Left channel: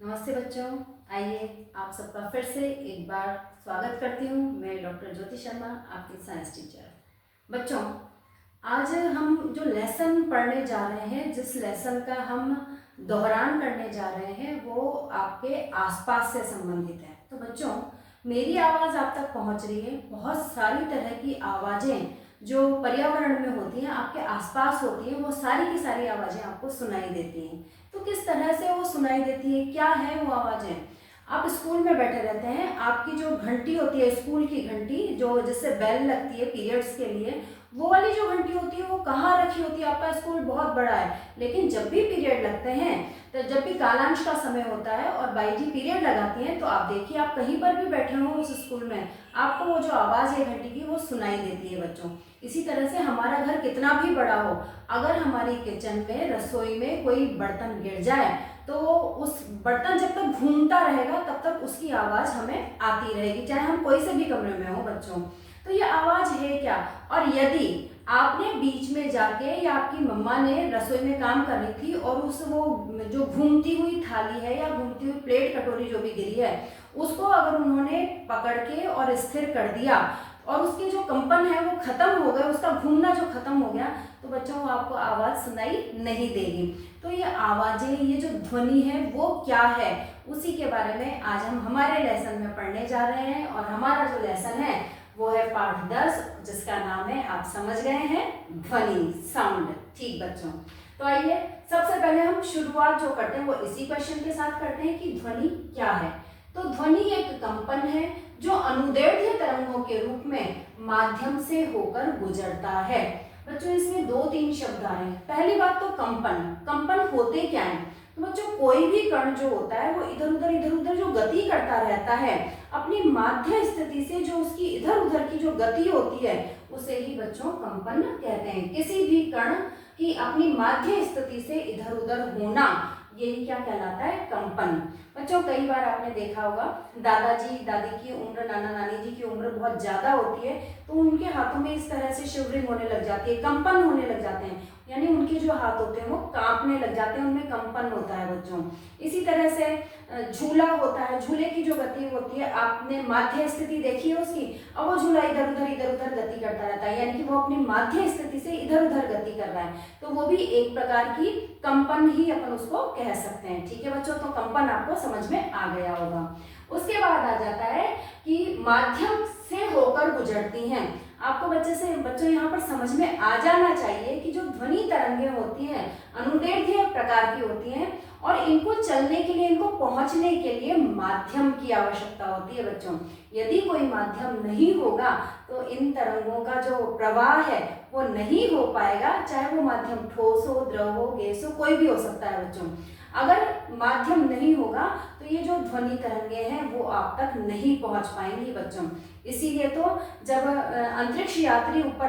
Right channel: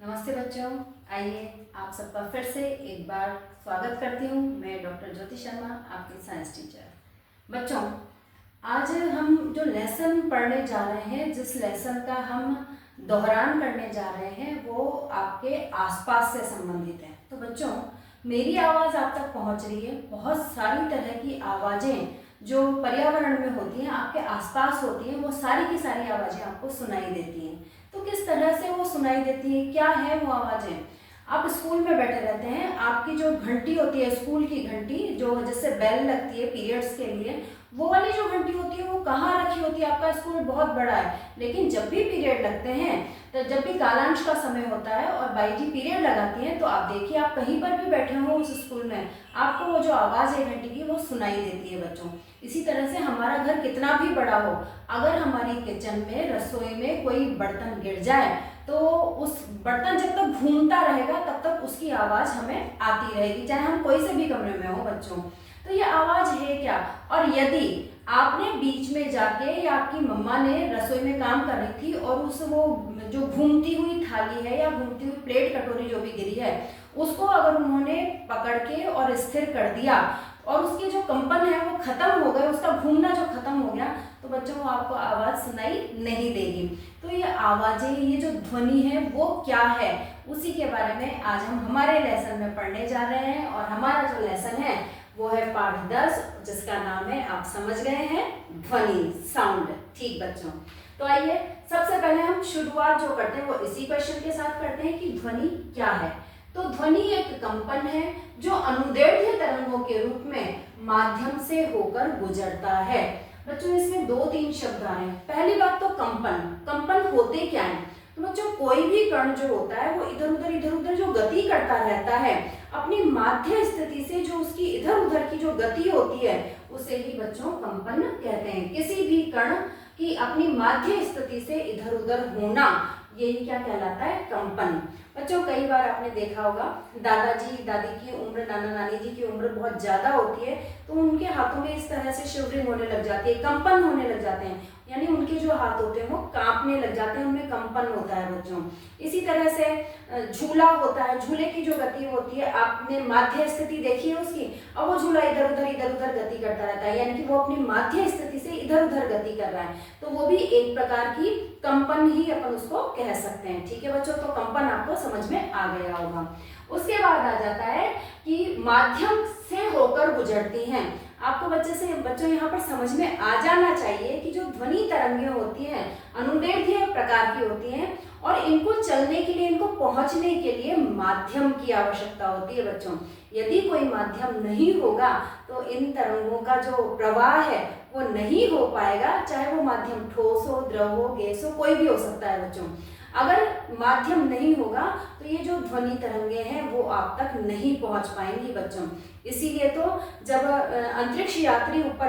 नमस्ते बच्चों, आइए आप सबका फिर से एक बार स्वागत करती हूँ। मैं डॉक्टर ज्योति शर्मा, आपकी साइंस टीचर। बच्चों, आज हम जो लेसन पढ़ने जा रहे हैं, जिस लेसन का हम दोहरान करने जा रहे हैं, वो आपके आसपास से संबंधित है। तो बच्चों, मेरी आवाज़ आप तक पहुँच रही है। बहुत सारी तरह की आवाज़ें जो पर्यावरण में होती हैं, आपके आसपास होती हैं, वो सारी की सारी आवाज़ें आपको सुनाई देती हैं। तो किस तरह से वो सुनाई देती है, क्या है वो आवाज़ें? आप स्कूल में बैठे रहते हैं, आपकी जो घंटी होती है, स्कूल की घंटी, जो जिससे बेल लगती है पीरियड्स के लिए, वो वाली जो घंटी होती है वो कहाँ रखी होती है? आपका स्कूल बहुत बड़ा है, लेकिन जब भी पीरियड लगते हैं, तो जब भी कालांश का समय होता है और बाई जी पीरियड लगाती हैं, तो आप देखिए, आप कहीं पर भी बैठे हो उस स्कूल में, आपको वो जो आवाज़ है घंटी की, वो सुनाई देती है बच्चों। इसी तरह से हमारा घर कितना भी बड़ा हो, अगर हमारी किचन में, रसोई में कोई बर्तन गिर जाए, तो उस बर्तन जब तक घूमता रहेगा तब तक उसकी आवाज़ हमें आती रहेगी, चाहे हम कोई से भी कमरे में हो बच्चों। तो ये आवाज़ है क्या? और यदि आपने बीच में जाके, या आपकी मम्मा ने रसोई में काम कर रही थी और उस वो जो घूमती हुई थाली है या घूमती हुई प्लेट कटोरी जो भी गिरी है, उसको अगर उन्होंने पकड़ के और स्थिर कर दिया और उसके जो कंपन है वो खत्म हो गए, उसका घूमना जो खत्म हो गया, तो बच्चों वो आपको आवाज़ सुनाई नहीं देगी। तो ये आवाज़ें, ये जो ध्वनि है वो क्या है, उसी के बारे में आज हम हमारे लेसन में पढ़ने जा रहे हैं। और हमारा जो लेसन है वो है पाठ 10, जिसका नाम है, आप समझ गए हैं, ध्वनि, साउंड। ठीक बच्चों, तो आइए सबसे पहले हम शुरुआत जो करते हैं वो इसी क्वेश्चन के साथ करते हैं कि ध्वनि क्या है। तो ध्वनि एक कंपन है जो अनुदैर्ध्य तरंगों के रूप में माध्यम से होकर गुजरता है। बच्चों, इसमें 2-3 शब्द आ रहे हैं। पहली बात तो कंपन। कंपन होते क्या है? तो बच्चों, कोई भी कण जो होता है वो इधर उधर जो गति करता रहता है, अपनी माध्य स्थिति से जो उसकी इधर उधर की जो गति होती है, उसे ही बच्चों कंपन कहते हैं। किसी भी कण की अपनी माध्य स्थिति से इधर उधर होना, यही क्या कहलाता है? कंपन। बच्चों, कई बार आपने देखा होगा, दादाजी दादी की उम्र, नाना नानी जी की उम्र बहुत ज्यादा होती है, तो उनके हाथों में इस तरह से शिवरिंग होने लग जाती है, कंपन होने लग जाते हैं, यानी उनके जो हाथ होते हैं वो कांपने लग जाते हैं, उनमें कंपन होता है बच्चों। इसी तरह से झूला होता है, झूले की जो गति होती है, आपने माध्य स्थिति देखी है उसकी, अब वो झूला इधर उधर गति करता रहता है, यानी कि वो अपनी माध्य स्थिति से इधर उधर गति कर रहा है, तो वो भी एक प्रकार की कंपन ही अपन उसको कह सकते हैं। ठीक है बच्चों, तो कंपन आपको समझ में आ गया होगा। उसके बाद आ जाता है कि माध्यम से होकर गुजरती हैं। आपको बच्चों यहाँ पर समझ में आ जाना चाहिए कि जो ध्वनि तरंगें होती हैं, अनुदैर्ध्य प्रकार की होती हैं, और इनको चलने के लिए, इनको पहुंचने के लिए माध्यम की आवश्यकता होती है बच्चों। यदि कोई माध्यम नहीं होगा तो इन तरंगों का जो प्रवाह है वो नहीं हो पाएगा, चाहे वो माध्यम ठोस हो, द्रव हो, गैस हो, कोई भी हो सकता है बच्चों। अगर माध्यम नहीं होगा तो ये जो ध्वनि तरंगे हैं वो आप तक नहीं पहुंच पाएंगी बच्चों। इसीलिए तो जब अंतरिक्ष यात्री ऊपर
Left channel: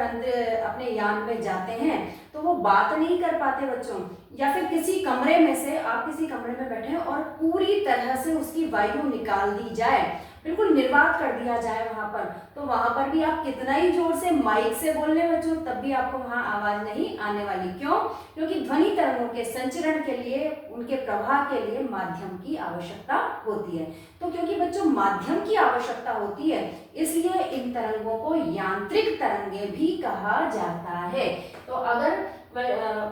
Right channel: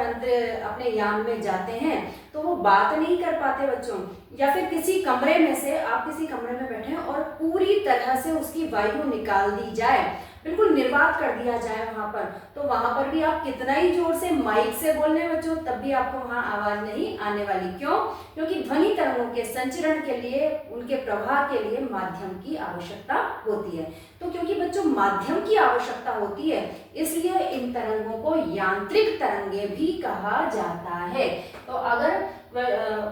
अपने यान में जाते हैं तो वो बात नहीं कर पाते बच्चों, या फिर किसी कमरे में से, आप किसी कमरे में बैठे हैं और पूरी तरह से उसकी वायु निकाल दी जाए, बिल्कुल निर्वात कर दिया जाए वहां पर, तो वहां पर भी आप कितना ही जोर से माइक से बोल रहे बच्चों, तब भी आपको वहां आवाज नहीं आने वाली। क्यों? क्योंकि ध्वनि तरंगों के संचरण के लिए, उनके प्रवाह के लिए माध्यम की आवश्यकता होती है। तो क्योंकि बच्चों माध्यम की आवश्यकता होती है, इसलिए इन तरंगों को यांत्रिक तरंगे भी कहा जाता है। तो अगर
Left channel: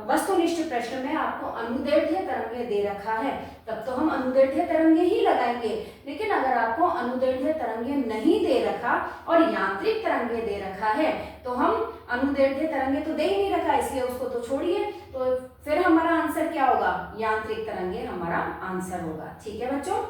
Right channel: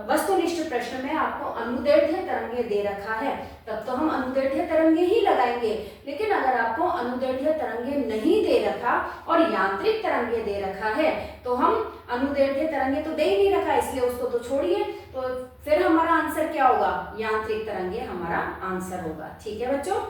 वस्तुनिष्ठ प्रश्न में आपको अनुदैर्ध्य तरंगे दे रखा है, तब तो हम अनुदैर्ध्य तरंगे ही लगाएंगे। लेकिन अगर आपको अनुदैर्ध्य तरंगे नहीं दे रखा और यांत्रिक तरंगे दे रखा है, तो हम अनुदैर्ध्य तरंगे तो दे ही नहीं रखा, इसलिए उसको तो छोड़िए। तो फिर हमारा आंसर क्या होगा? यांत्रिक तरंगे हमारा आंसर होगा। ठीक है बच्चों,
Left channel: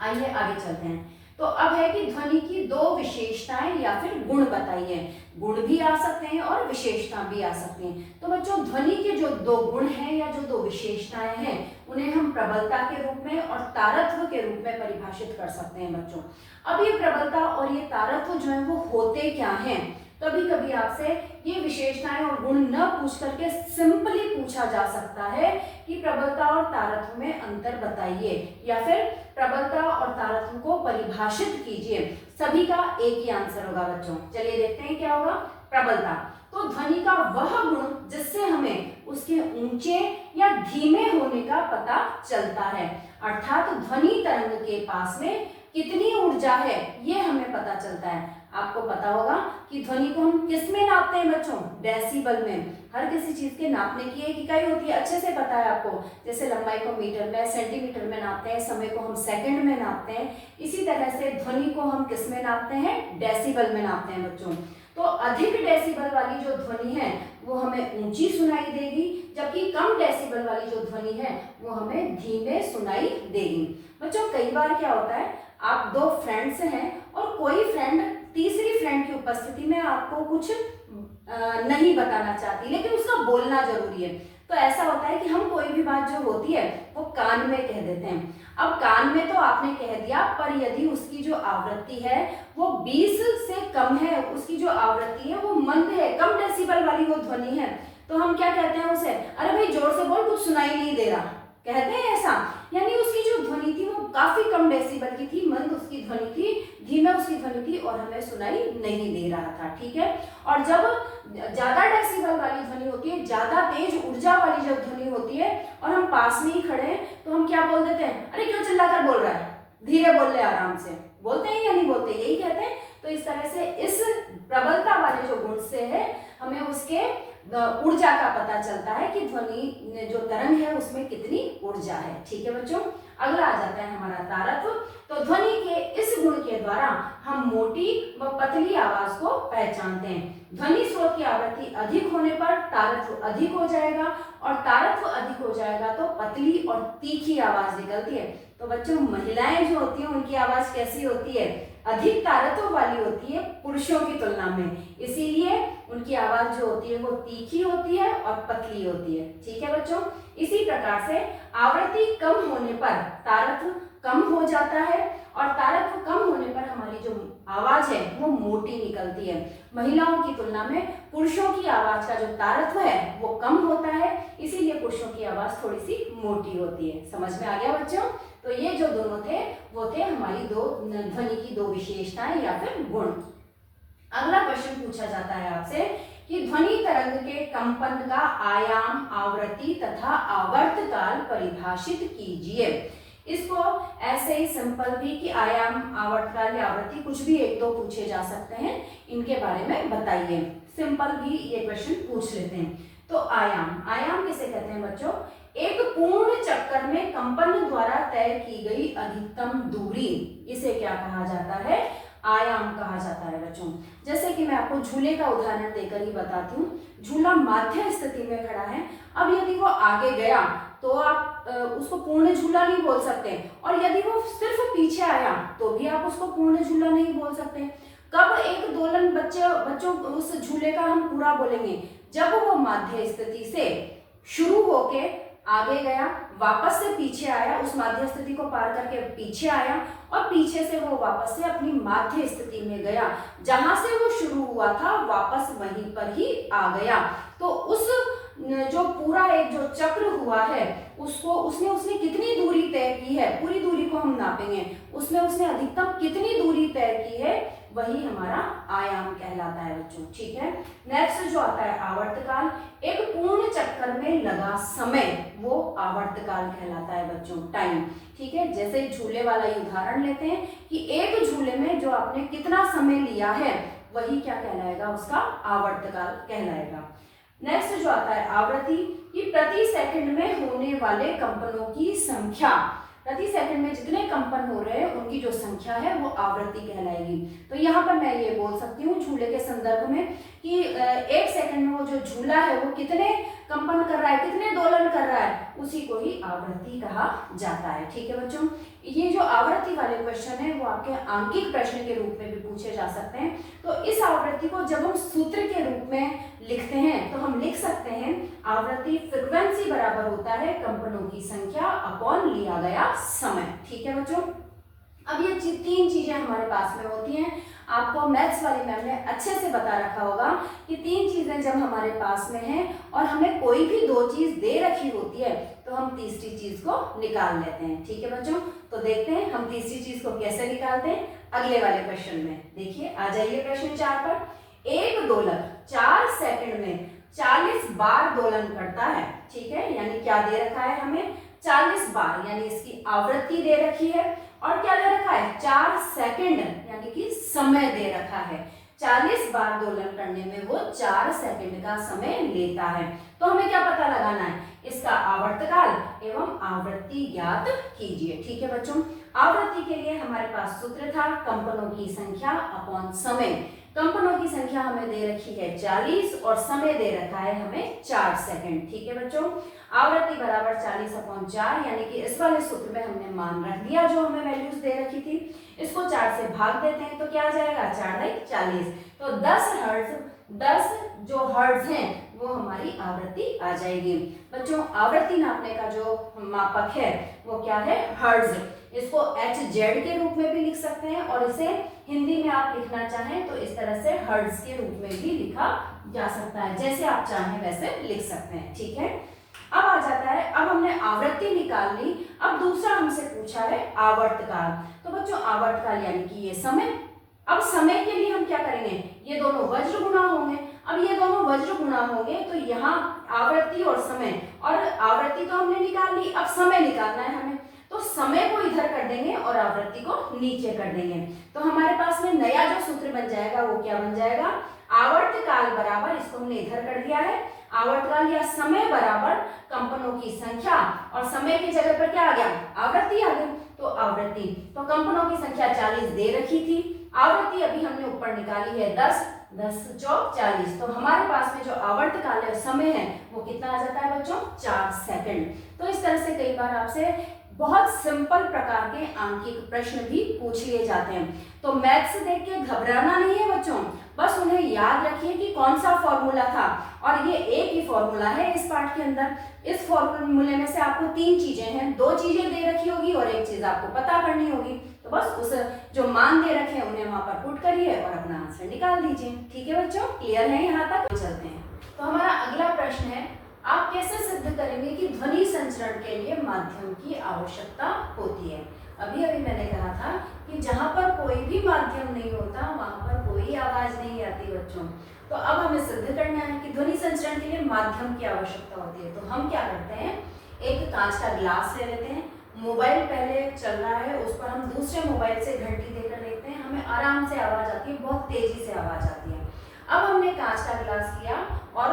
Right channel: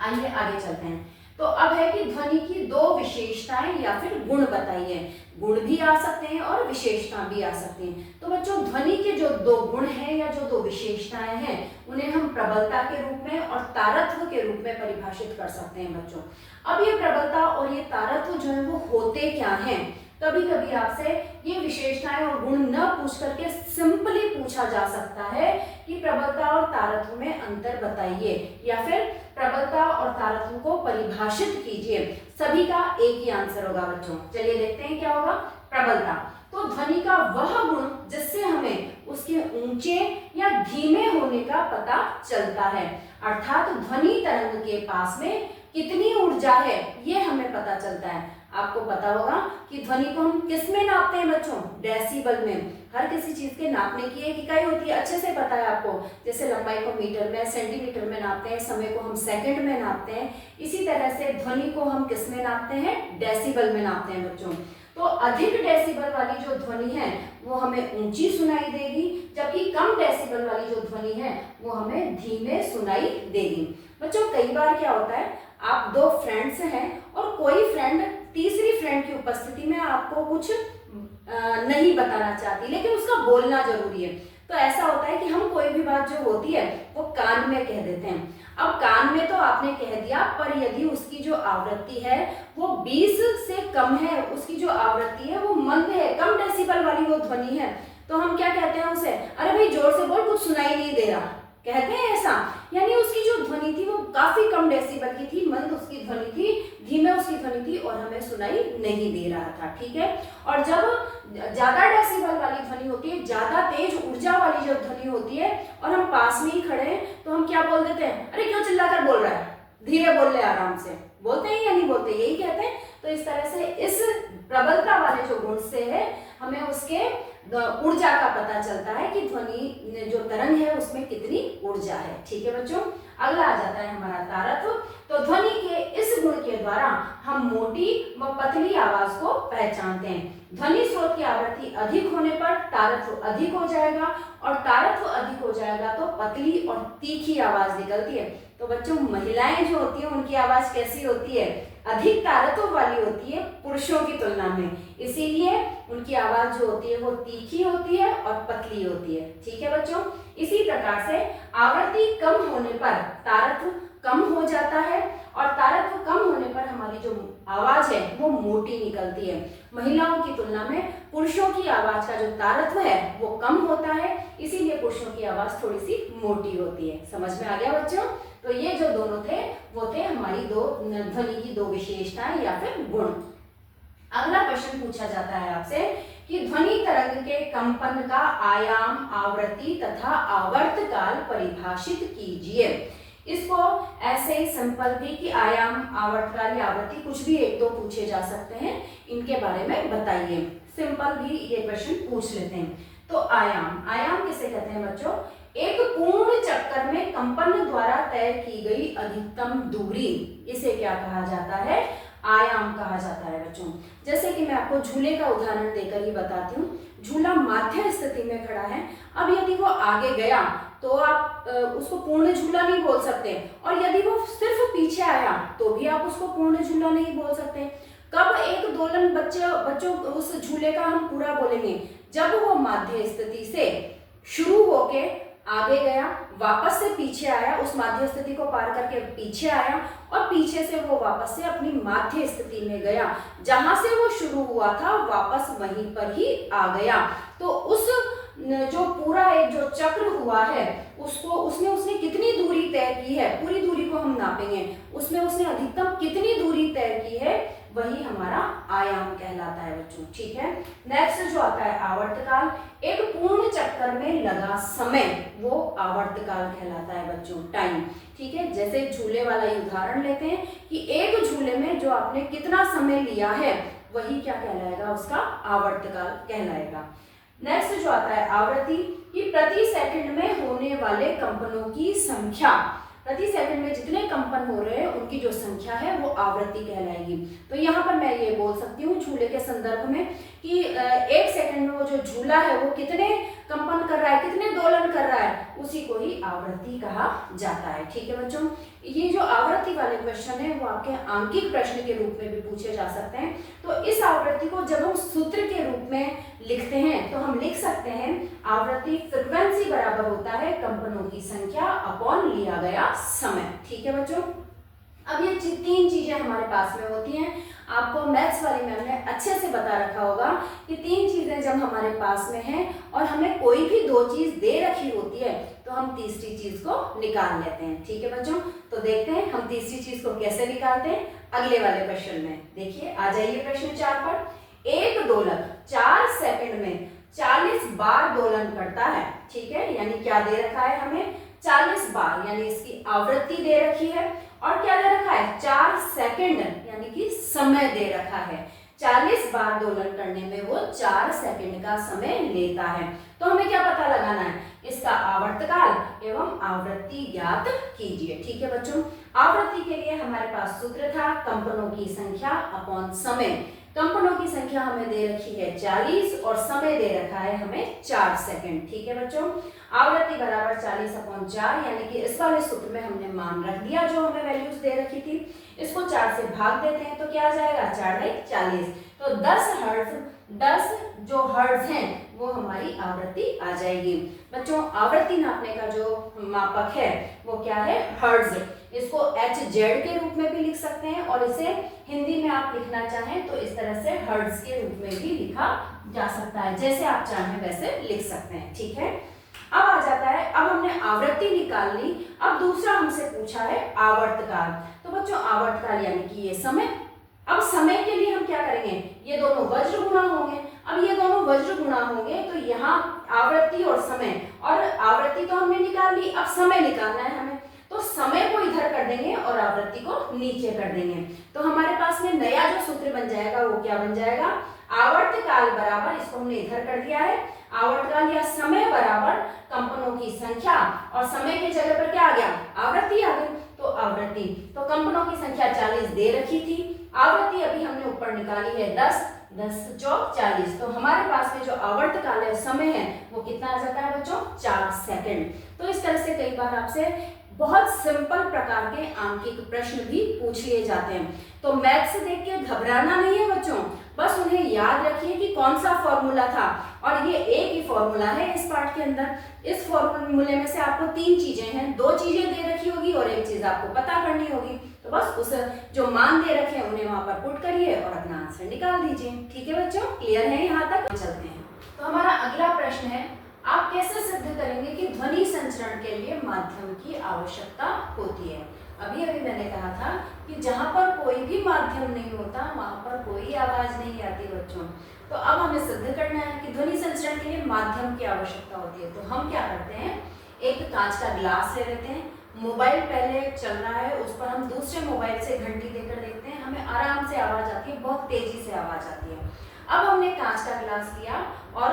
आइए आगे चलते हैं। तो अब है कि ध्वनि की 2 विशेषताएं या फिर गुण बताइए। गुण भी आ सकते हैं और विशेषता भी आ सकती हैं। तो बच्चों, ध्वनि के जो 2 गुण हैं या जो 2 विशेषताएं हैं, उन्हें हम प्रबलता के रूप में और तारत्व के रूप में परिभाषित कर सकते हैं बच्चों। अब ये प्रबलता और ये तारत्व जो है वो होते क्या हैं? कभी कभी आपसे ये विशेषताएं और गुण न पूछ करके सिंपली पूछा जा सकता है कि प्रबलता और तारत्व में अंतर बताइए, या फिर प्रबलता और तारत्व को परिभाषित कीजिए। सभी का एक ही आंसर होगा बच्चों। चलिए देखते हैं क्या होगा। प्रबलता, तो ध्वनि का वह गुण जिससे हमें उसके ऊंचे या धीमे होने का पता चलता है। अर्थात ध्वनि तरंग के पास में कितनी ऊर्जा है ये हमें पता चलता है। आपको पता होगा कि ध्वनि को हम किस में नापते हैं बच्चों? डेसिबल में। हर किसी चीज के नापने की एक इकाई होती है, अच्छे से पता है आपको। जैसे लंबाई को मीटर में, सेंटीमीटर में नापते हैं, समय को हम सेकंड में नापते हैं, इसी तरह से ध्वनि को हम किस में नापते हैं? डेसिबल में नापते हैं बच्चों। तो अधिक डेसिबल वाली जो ध्वनि है वो हमें ऊंची सुनाई देगी, जबकि कम डेसिबल वाली जो ध्वनि है वो हमें धीमे सुनाई देगी। बच्चों कई बार क्या होता है, आप दो फ्रेंड्स हैं और कोई फ्रेंड तीसरी फ्रेंड की उपस्थिति में आपको कुछ नहीं बताना चाहती, लेकिन उसका बोलना जरूरी है। तो ऐसा होता है कि हम कोई भी बात जो होती है वो कान में कह देते हैं। अब कान में तो आपने कह दिया, पर यदि उसकी जो आवृत्ति है वो 20 से कम है, उसकी जो आवृत्ति है वो मंद है, कम डेसिबल वाली वो ध्वनि है, तो हम क्या कहते हैं उसे? अरे भाई जोर से बोल, कुछ सुनाई नहीं दे रहा, कहते हैं ऐसा। यानी उसकी जो ध्वनि थी वो काफी कम डेसिबल की थी, मंद उसकी ध्वनि थी, धीमे उसकी ध्वनि थी और हमें सुनाई नहीं दे रहा था। ठीक है। और जब ज्यादा डेसिबल वाली ध्वनि होती है, ज्यादा तेज ऊर्जा वाली जब ध्वनि होती है और हम पास में ही खड़े हैं, तो हम क्या बोल देते हैं? अरे क्यों चिल्लाकर बोल रहा है, धीरे बोल ले, आराम से। बोलते हैं या नहीं बोलते? यही कहते हैं। तो इस तरह से इस प्रबलता वाले जो गुण से है हमें उसके ऊर्जा का पता चलता है कि ध्वनि जो तरंग है उसमें कितनी ऊर्जा है। ठीक है बच्चों। अगला आ जाता है हमारा तारत्व। तो ध्वनि के इस गुण के द्वारा हम मोटी व पतली आवाज को पहचानते हैं। ध्वनि स्रोत की आवृत्ति अधिक होने पर तारत्व अधिक हो जाएगा, और तारत्व अधिक हो जाएगा तो पतली और तीखी आवाज निकलती है। तो बच्चों महिलाएं जो होती है उनकी आवाज कैसी होती है? अधिक तारत्व वाली होती है पुरुषों की तुलना में, इसीलिए उनकी आवाज जो होती है वो तीखी होती है और पतली होती है। ठीक है बच्चों। इसी प्रकार से आवृत्ति कम होने पर तारत्व कम हो जाता है, और तारत्व कम होने पर हमारी जो आवाज है वो मोटी निकलती है। महिलाओं की तुलना में पुरुषों की आवाज का जो तारत्व है वो कम होता है, इसीलिए पुरुषों की आवाज थोड़ी सी मोटी होती है। समझ में आ गया बच्चों? तो ये जो दोनों थे वो थे हमारी दो ध्वनि की दो विशेषताएं या फिर गुण। अगला प्रश्न पूछा जाता है आपसे कि ध्वनि तरंग के कंपन का आयाम, आवृत्ति तथा आवर्त काल परिभाषित कीजिए। इसको ऐसे ही सिंपल भी कि आयाम, आवर्तकाल या आवृत्ति कुछ भी एक दो पूछे जा सकते हैं, इनके बारे में बताइए। सिंपल भी ये क्वेश्चन पूछ लेते हैं। तो आयाम किसे कहते हैं बच्चों? एक पूर्ण चक्कर में कंपन द्वारा तय की गई अधिकतम दूरी, इसे क्या कहा जाता है? आयाम कहा जाता है बच्चों। जैसे कि मैं आपको झूले का उदाहरण देकर ही बताती हूँ। झूला माध्य स्थिति में खड़ा है, अब यदि वो आगे गया तो आप उसको पूर्ण झूला नहीं बोल सकते, और यदि वो सिर्फ पीछे आया तो भी आप उसको पूर्ण झूला नहीं बोल सकते। कब एक दोलन बच्चों उस झूले का हम पूरा बोलेंगे? जब वो माध्य स्थिति से शुरू होके आगे गया, वापस से पीछे आया, उस माध्य स्थिति को पार करके पीछे आया, और पीछे से वो वापस से अपनी माध्य स्थिति में गया, जहां से वो शुरू हुआ था वापस वहीं पर ही आ गया। तो उस जो पूरा एक जो चक्र हुआ है उसने कितनी दूरी तय की है, पूरी दूरी को हम नापेंगे, उसमें उसने अधिकतम कितनी दूरी तय की है, वही हमारा आयाम कहलाता है बच्चों। ठीक है। नेक्स्ट जो आता है आवर्तकाल। एक पूर्ण चक्कर में लगा समय वो आवर्तकाल कहलाता है बच्चों, टाइम। ठीक है। जैसे झूले वाला ही उदाहरण लेते हैं कि एक झूले में जो आपने कितना समय लिया है वही क्या कहलाएगा? उसका आवर्तकाल कहलाएगा। नेक्स्ट जो आता है आवृत्ति, कि प्रति सेकंड में होने वाले कंपनों की संख्या, प्रति सेकंड में जितने कंपन हो रहे हैं उनकी जो संख्या है वो आवृत्ति कहलाएगी। तो यहाँ पर मैं ये बोल सकती हूँ झूले के संदर्भ में कि एक सेकंड में वो जो झूला है वो कितने कंपन कर रहा है, कितने दोलन कर रहा है, उसी को ही आवृत्ति कहा जाता है। ठीक है बच्चों। ये जो आवृत्ति वाले क्वेश्चन है वो आपके आंकिक प्रश्न के रूप में भी पूछे जा सकते हैं। तो इस आवृत्ति को जब हम सूत्र के रूप में लिखते हैं तो हम लिख सकते हैं आवृत्ति फ्रीक्वेंसी बराबर होता है कंपनों की संख्या अपॉन लिया गया समय। ठीक है बच्चों। अब ये तीन चीजें हमारे पास में होती हैं। आपको मैथ्स वाली मैम ने अच्छे से बता रखा होगा कि तीन चीजें जब हमारे पास में हैं और हमें कोई भी दो चीज दे रखी होती है तो हम तीसरी चीज को निकाल लेते हैं। ठीक है बच्चों। तो देखते हैं हम तीसरी चीज को कैसे निकालते हैं अगले वाले प्रश्न में। देखिए आ जाइए प्रश्न 4 पर। एक दोलक 4 सेकंड में 40 बार दोलन करता है। ठीक है, यानी क्या दे रखा है हमें 40 बार, यानी इसकी आवृत्ति दे रखी है। और क्या दे रखा है 4 सेकंड, यानी कि समय दे रखा है। 40 बार दोलन करने में वो 4 सेकंड का समय लेता है। तो हमें क्या पता लगाना है, इसका आवर्तकाल एवं आवृत्ति ज्ञात कीजिए। ठीक है बच्चों, आवृत्ति के लिए हमारे पास सूत्र था कंपनों की संख्या अपॉन समय। कंपनों की संख्या हमें दे रखी है 40 और समय दे रखा है हमें 4 सेकंड। ठीक है बच्चों, आवृत्ति बराबर 40/4, यानी कि इस वाले सूत्र में हमने मान रख दिया जो हमें वैल्यूज दे रखी थी। इसको 4 से भाग देते हैं तो क्या आ जाएगा 4×40। तो 10 जो हर्ट्ज हैं वो हमारी आवृत्ति आ जाएगी। बच्चों, आवृत्ति नापने का जो मापक है वो क्या है, हर्ट्ज। इसको HZ के रूप में भी लिख सकते हैं और इसे हिंदी में आप लिखना चाहें तो इस तरह से हर्ट्ज के रूप में भी लिखा जा सकता है, जैसे आप चाहें वैसे लिख सकते हैं। ठीक है, अब आ जाता है, अब हमने आवृत्ति निकाल ली, अब दूसरा हमसे पूछा है आवर्तकाल। तो बच्चों आवर्तकाल यानी कि ये समय। अब समय के लिए हम क्या करेंगे, ये दोनों वज्र गुणा होंगे। अब ये दोनों वज्र गुणा होंगे तो यहाँ आवृत्ति और समय, और आवृत्ति तो हमने निकाल ली, अब समय निकालना है हमें। तो समय को इधर कर देंगे और आवृत्ति को नीचे कर देंगे। तो हमारे पास में नया जो सूत्र बन जाएगा वो क्या बन जाएगा, आवर्तकाल बराबर, इसको हमने इधर कर दिया है, आवर्तकाल या समय बराबर कंपनों की संख्या, और समय की जगह पर क्या आ गया, आवृत्ति आ गई। तो आवृत्ति, तो कंपनों की संख्या 40 दे रखी थी, आवृत्ति अभी हमने ऊपर निकाली है 10 चौक 40। तो हमारे पास में जो आवर्तकाल है समय है वो कितना आ जाता है बच्चों, 4 सेकंड। तो इस तरह से कई बार आपसे बहुत सिंपल प्रकार के आंकिक प्रश्न भी पूछ लिए जाते हैं। तो मैथ्स देख के घबराना नहीं है बच्चों, बस उन्हें याद रखिए कि कौन सा फॉर्मूला था, और ये एक ही फॉर्मूला है इस पार्ट के अंदर। इस फॉर्मूले में से आपको 3 चीजें हैं, 2 चीजें दे रखी होगी और एक चीज आपको पता करनी होगी। तो बस उस जो मान दे रखे हैं उन्हें वहां पर पुट करिए और अपना आंसर निकाल दीजिए। ठीक है बच्चों, क्लियर है यहाँ तक? चलते हैं। तो हमारा अगला प्रश्न है, आप कैसे सिद्ध करेंगे कि ध्वनि संचरण के लिए माध्यम की आवश्यकता होती है। अभी अभी मैंने कहा था कि जहां पर कोई भी माध्यम नहीं होता वहां पर कोई आवाज नहीं आती बच्चों। तो अब हमें सिद्ध करना है कि ध्वनि संचरण के लिए माध्यम की आवश्यकता होती है। तो हम क्या करते हैं, एक कांच का ग्लास ले लेते हैं, मोबाइल पहले चल रहा है, उस पर हम दूसरे मोबाइल से घंटी देकर देखते हैं, हमें आराम से आवाज आती है, बहुत तेजी से आवाज आती है। अब हमने कांच का गिलास लिया और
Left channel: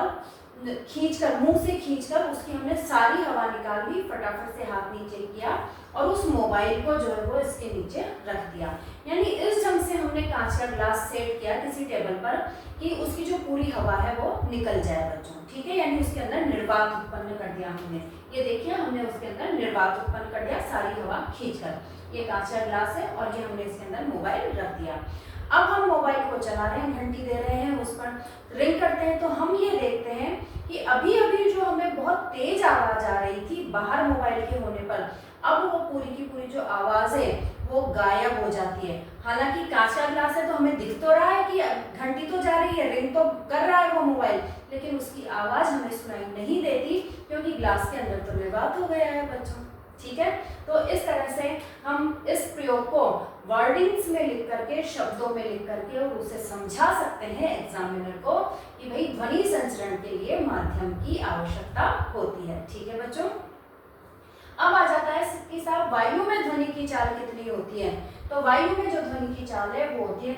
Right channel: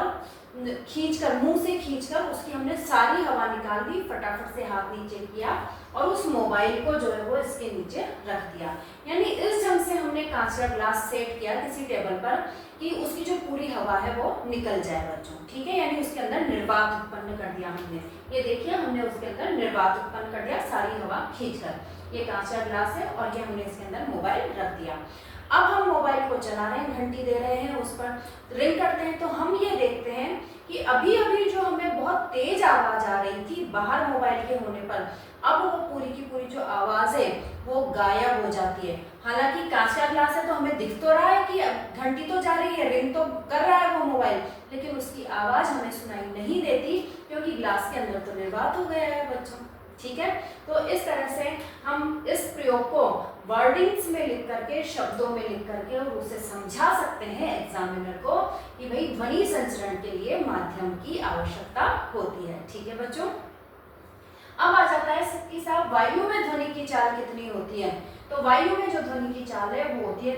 खींचकर, मुंह से खींचकर उसकी हमने सारी हवा निकाल ली, फटाफट से हाथ नीचे किया और उस मोबाइल को जो है वो इसके नीचे रख दिया। यानी इस ढंग से हमने कांच का ग्लास सेट किया किसी टेबल पर कि उसकी जो पूरी हवा है वो निकल जाए बच्चों। ठीक है, यानी उसके अंदर निर्वात उत्पन्न कर दिया हमने। ये देखिए, हमने उसके अंदर निर्वात उत्पन्न कर दिया सारी हवा खींचकर। ये कांच का ग्लास है और ये हमने इसके अंदर मोबाइल रख दिया। अब हम मोबाइल को चला रहे हैं, घंटी दे रहे हैं, उस पर रिंग करते हैं, तो हम ये देखते हैं कि अभी अभी जो हमें बहुत तेज आवाज आ रही थी बाहर मोबाइल के होने पर, अब वो पूरी की पूरी जो आवाज है वो गायब हो जाती है। हालांकि कांच का ग्लास है तो हमें दिख तो रहा है कि घंटी तो जा रही है, रिंग तो कर रहा है वो मोबाइल, लेकिन उसकी आवाज हमें सुनाई नहीं देती क्योंकि ग्लास के अंदर तो निर्वात हो गया है बच्चों। ठीक है, तो इस तरह से हम इस प्रयोग को वर्डिंग्स में लिख करके, शब्दों में लिख करके और उसे समझा सकते हैं एग्जामिनर को कि भाई ध्वनि संचरण के लिए माध्यम की आवश्यकता होती है। ठीक है बच्चों, अब आ जाता है कि साहब वायु में ध्वनि की चाल कितनी होती है। तो वायु में जो ध्वनि की चाल है वो होती है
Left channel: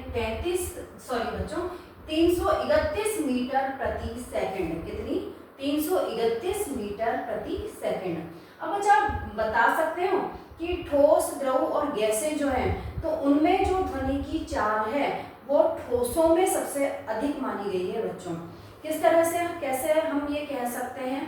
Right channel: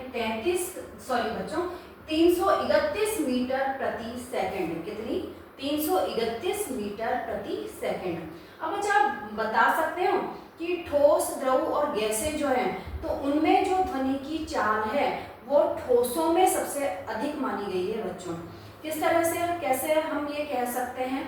331 मीटर प्रति सेकंड। कितनी? 331 मीटर प्रति सेकंड। अब अच्छा आप बता सकते हो कि ठोस, द्रव और गैसें जो हैं तो उनमें जो ध्वनि की चाल है वो ठोसों में सबसे अधिक मानी गई है बच्चों। किस तरह से, कैसे हम ये कह सकते हैं,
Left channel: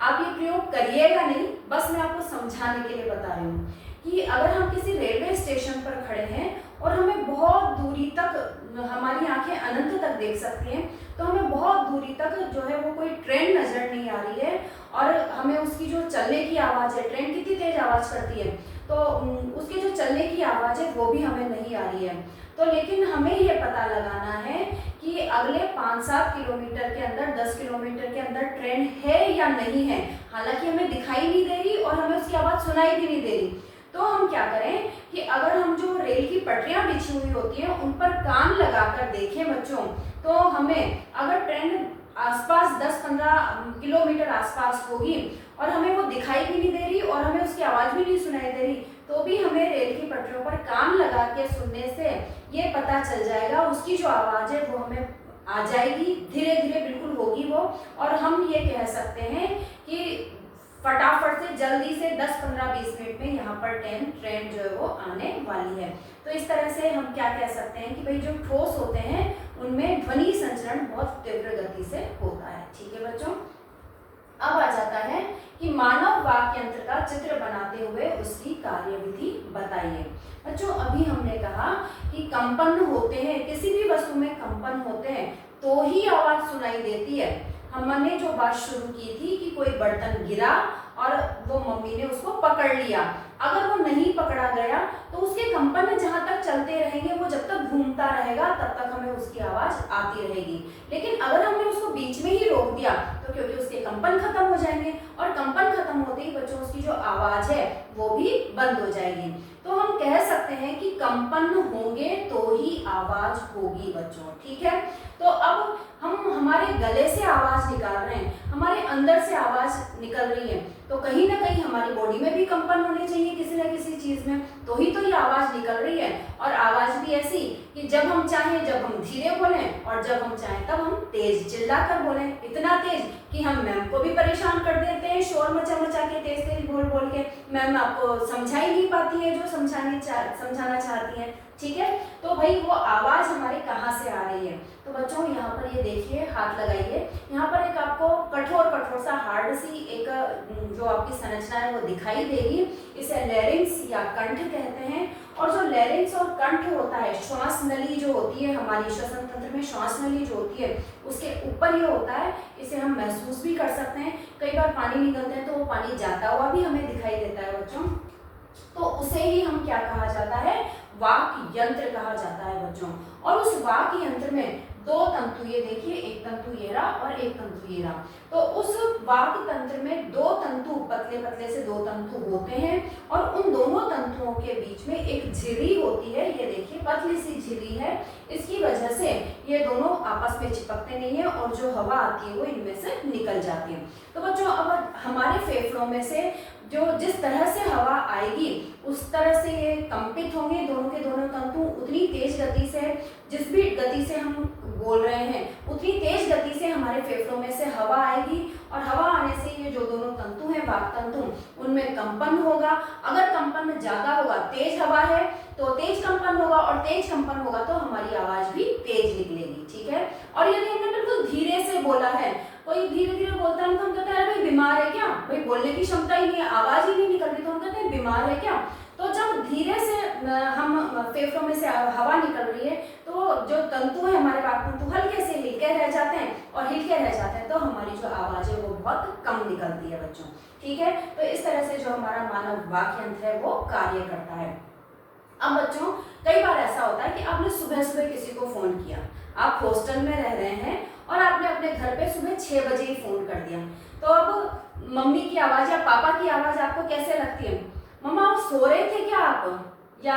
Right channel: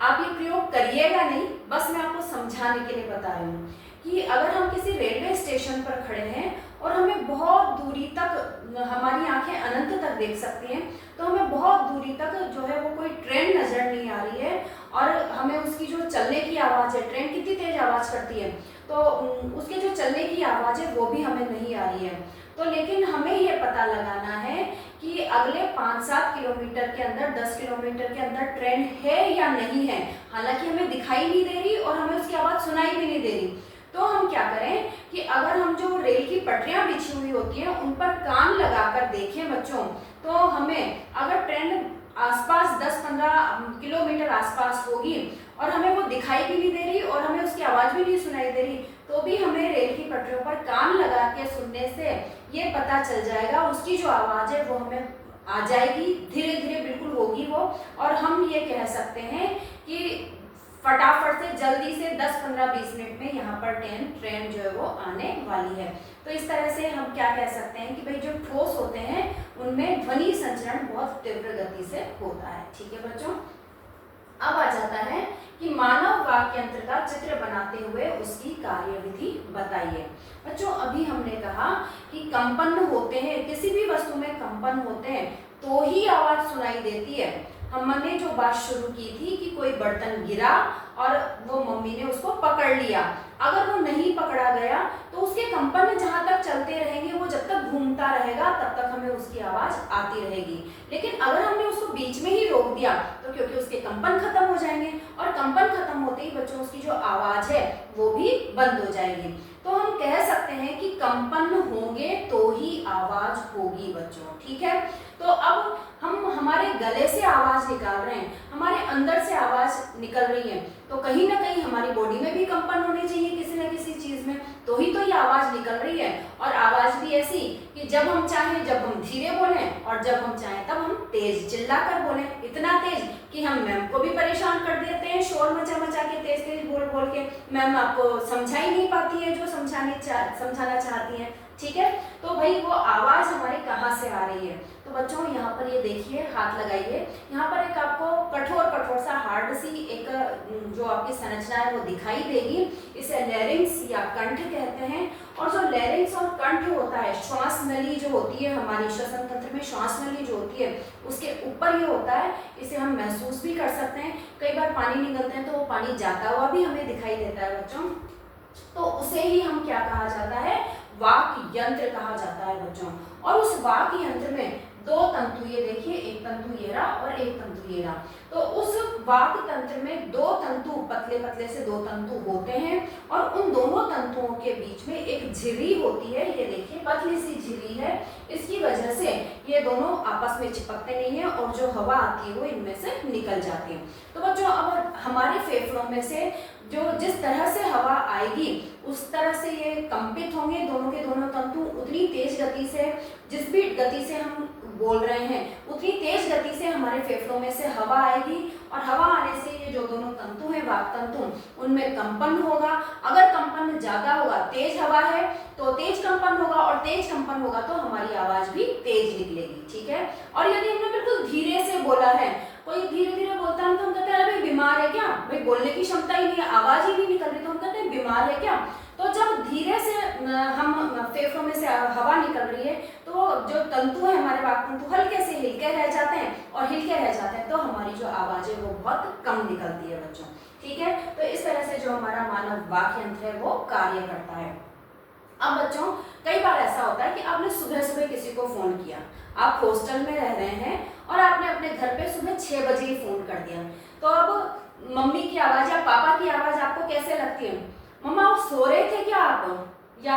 आप ये प्रयोग करिएगा नहीं, बस मैं आपको समझाने के लिए बता रही हूँ कि अगर हम किसी रेलवे स्टेशन पर खड़े हैं और हमें बहुत दूरी तक, हमारी आंखें अनंत तक देख सकती हैं, तो हमें बहुत दूरी तक जो है वो कोई ट्रेन नजर नहीं आ रही है और हमें उसकी जो चलने की आवाज़ है, ट्रेन कितनी तेज आवाज़ करती है, तो उसके जो चलने की आवाज़ है वो भी हमें नहीं आ रही है। तो लेकिन हमें ये पता लगाना है कि अगले 5-7 किलोमीटर के अंदर, 10 किलोमीटर के अंदर ट्रेन है या नहीं है। हालांकि हमें दिखाई नहीं दे रही और हमें उसकी आवाज़ सुनाई भी नहीं दे रही, तो हम क्या करें कि अगर हम जो रेल की पटरियां बिछी हुई होती हैं उन पर कान लगाकर देखें बच्चों, तो हमें अगर ट्रेन आसपास 10-15 किलोमीटर आसपास होगी और हमें वो दिखाई भी नहीं दे रही और हमें उसकी आवाज़ भी नहीं सुनाई दे रही, तो भी हमें रेल की पटरियों पर कान लगा के सुनने से ये पता चल जाएगा, उसकी जो आवाज़ है वो हमें आ जाएगी, धीरे धीरे बिल्कुल होगी वो, और हम ये कह सकते हैं कि फटाफट से जल्दी से 10-15-20 मिनट में यहाँ पर ट्रेन जो है वो आने वाली है। तो इस तरह से हम क्या कह सकते हैं कि भाई जो ठोस होते हैं उनमें ध्वनि संचरण बहुत तीव्र गति से होता है। ठीक है बच्चों, अब आ जाता है कि मानव वाक् यंत्र का चित्र बनाते हुए उसकी कार्यविधि बताइए। बच्चों अभी हमने कहा कि कंपन होते हैं, किसी भी वस्तु में कंपन होते हैं तो ही आवाज सुनाई देती है। हमने जो बात शुरू की थी कि कोई बर्तन गिरा और वो मम्मी ने उसको पकड़ लिया, अगर वो नहीं पकड़ा गया तो उसके कंपन जहां तक चलते रहेंगे, वो जब तक घूमता रहेगा तब तक हमें उसकी आवाज आती रहेगी। लेकिन अगर हमने उसको बीच में ही रोक दिया तो क्योंकि उसके कंपन खत्म हो जाएंगे और कंपन खत्म होते ही बच्चों उसकी जो आवाज है वो भी बंद हो जाएगी। तो हम कह सकते हैं कि कंपन होंगे तो ही आवाज होगी बच्चों। ठीक है, तो अब हम हमारे गले से आवाज निकाल रहे हैं, हमारे अंदर से आवाज निकल रही है, तो कहीं ना कहीं हमारी बॉडी में भी कंपन होनी चाहिए किसी न किसी चीज में, तो ही तो ये आवाज निकल रही है। और आवाज भी ऐसी कि जब हम चाहें जब हम धीरे बोलें और जब हम चाहें तब हम तेज चिल्ला कर बोलें, इतना तेज कि हम मैम को भी परेशान कर देते हैं शोर मचा मचा के, तेज तेज बोल बोल के। मैम आपको समझा ही नहीं पाती है जो समझाना चाहती है। ठीक है, तो भाई वो आवाज हमारे कहाँ से आ रही है। तो बच्चों यहाँ पर ये देखिए, हाथ लगाइए, यहाँ पर एक आपको कठोर सा हार्ड सी एक जो आपकी संरचना है वो दिखाई देगी। इसे लैरिंक्स या कंठ कहते हैं। और जो लैरिंक्स और कंठ होता है, श्वास नली जो होती है हमारी श्वसन तंत्र में, श्वास नली जो होती है उसके ऊपर ये होता है। इसे हम महसूस भी कर सकते हैं, कई बार पानी निकलते हैं तो वो पानी जाता हुआ भी हमें दिखाई देता है बच्चों। तो उसे ही हम क्या कहा जाता है, वाक यंत्र कहा जाता है बच्चों। और उस वाक यंत्र में दो तंतु, ये देखिए एक तंतु ये रहा और एक तंतु ये रहा, तो उस वाक तंत्र में दो तंतु, पतले पतले से दो तंतु होते हैं और उन दोनों तंतुओं के बीच में एक झिल्ली होती है। ये देखिए पतली सी झिल्ली है, इसकी वजह से ये दोनों आपस में चिपकते नहीं है और जो हवा आती है वो इनमें से निकल जाती है। तो बच्चों अब हमारे फेफड़ों में से जो जिस तरह से हवा आएगी उस तरह से ये कंपित होंगे दोनों के दोनों तंतु, उतनी तेज गति से, जिस भी गति से हम बोल रहे हैं उतनी तेज गति से हमारे फेफड़ों में से हवा आएगी और हवा आने से ये जो दोनों तंतु हैं वाक तंतु, उनमें कंपन होगा। अगर कंपन ज्यादा होगा, तेज हवा है तो तेज कंपन होगा और तेज कंपन होगा तो हमारी आवाज भी तेज निकलेगी। ठीक है, और यदि हमने बिल्कुल धीरे से बोला है, कोई धीरे धीरे बोलता है तो हम कहते हैं भाई बीमार है क्या, भाई बोलने की क्षमता ही नहीं है, आवाज ही नहीं निकल रही, तो हम कहते हैं बीमार है क्या। तो जब धीरे से हम फेफड़ों में से हवा निकल रही है तो जो तंतु है हमारे वाक तंतु हल्के से हिलके रह जाते हैं और हिलके रह जाते हैं तो हमारी जो आवाज है वो बहुत कम निकलती है बच्चों। ठीक है, तो इस तरह से जो हमारा मानव वाक यंत्र है वो कार्य करता है। अब बच्चों कई बार ऐसा होता है कि आपने सुबह सुबह किसी को फोन किया, आप हॉस्टल में रह रहे हैं और आपने अपने घर पे सुबह 6 बजे ही फोन कर दिया, तो अब मम्मी की आवाज या पापा की आवाज आपको कैसे लगती है, मम्मा आप सो रहे थे क्या आप, या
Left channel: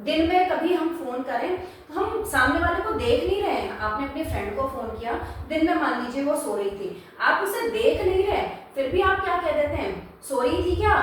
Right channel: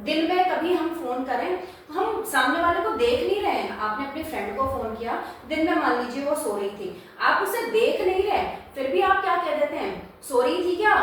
दिन में कभी हम फोन करें तो हम सामने वाले को देख नहीं रहे हैं, आपने अपने फ्रेंड को फोन किया दिन में, मान लीजिए वो सो रही थी, आप उसे देख नहीं रहे, फिर भी आप क्या कह देते हैं, सो रही थी क्या,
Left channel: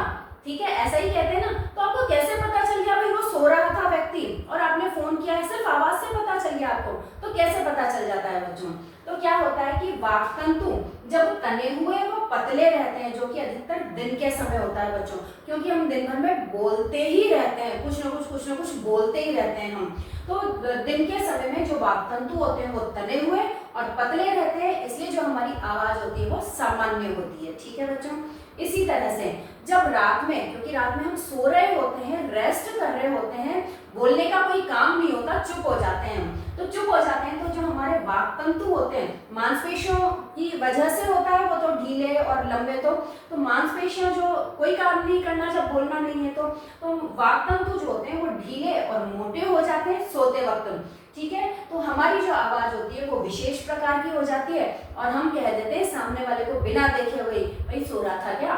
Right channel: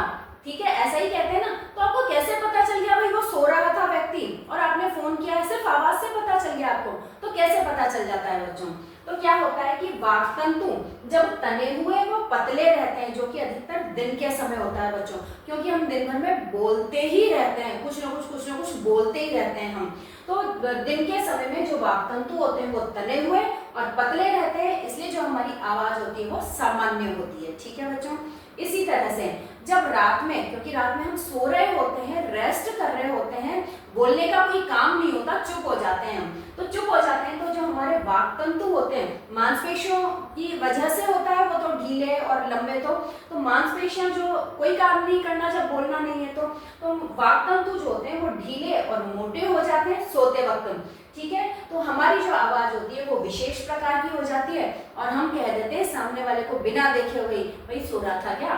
ठीक है ऐसा ही कहते हैं ना। तो आपको कैसे पता चल गया भाई वो सो रहा था व्यक्ति और आपने फोन किया है, सिर्फ आवाज से पता चल गया आपको, तो कैसे पता चल जाता है बच्चों। तो क्या होता है कि वाक तंतु जब तने हुए वो पतले रहते हैं, जो कि अधिकतर दिन के समय होता है बच्चों, क्योंकि हम दिन भर में बोलते ही रहते हैं, कुछ ना कुछ बोलते ही रहते हैं हम। तो दिन के समय में जो वाक तंतु होते हैं वो तने हुए और पतले रहते हैं, इसलिए जो हमारी आवाज होती है वो सामान्य होती है। ठीक है बच्चों, इसी तरह से जब रात में, क्योंकि रात में हम सो रहे होते हैं, रेस्ट कर रहे होते हैं, बोलने का कोई काम नहीं होता, चुप हो जाते हैं हम, तो चुप हो जाते हैं तो जो हमारे वाक तंतु होते हैं, मांसपेशियों की वजह से होता है वो तो ढीले और लंबे, तो मांसपेशियां जो कोई काम नहीं करना जब बोलना नहीं है तो वाक तंतु जो होते हैं वो ढीले और मोटे हो जाते हैं सोते वक्त। ठीक है, तो हमारी जो आवाज होती है वो विशेष प्रकार की हो जाती है और हम कह देते हैं सामने वाले को बिना देखे हुए भाई सो रहा था क्या।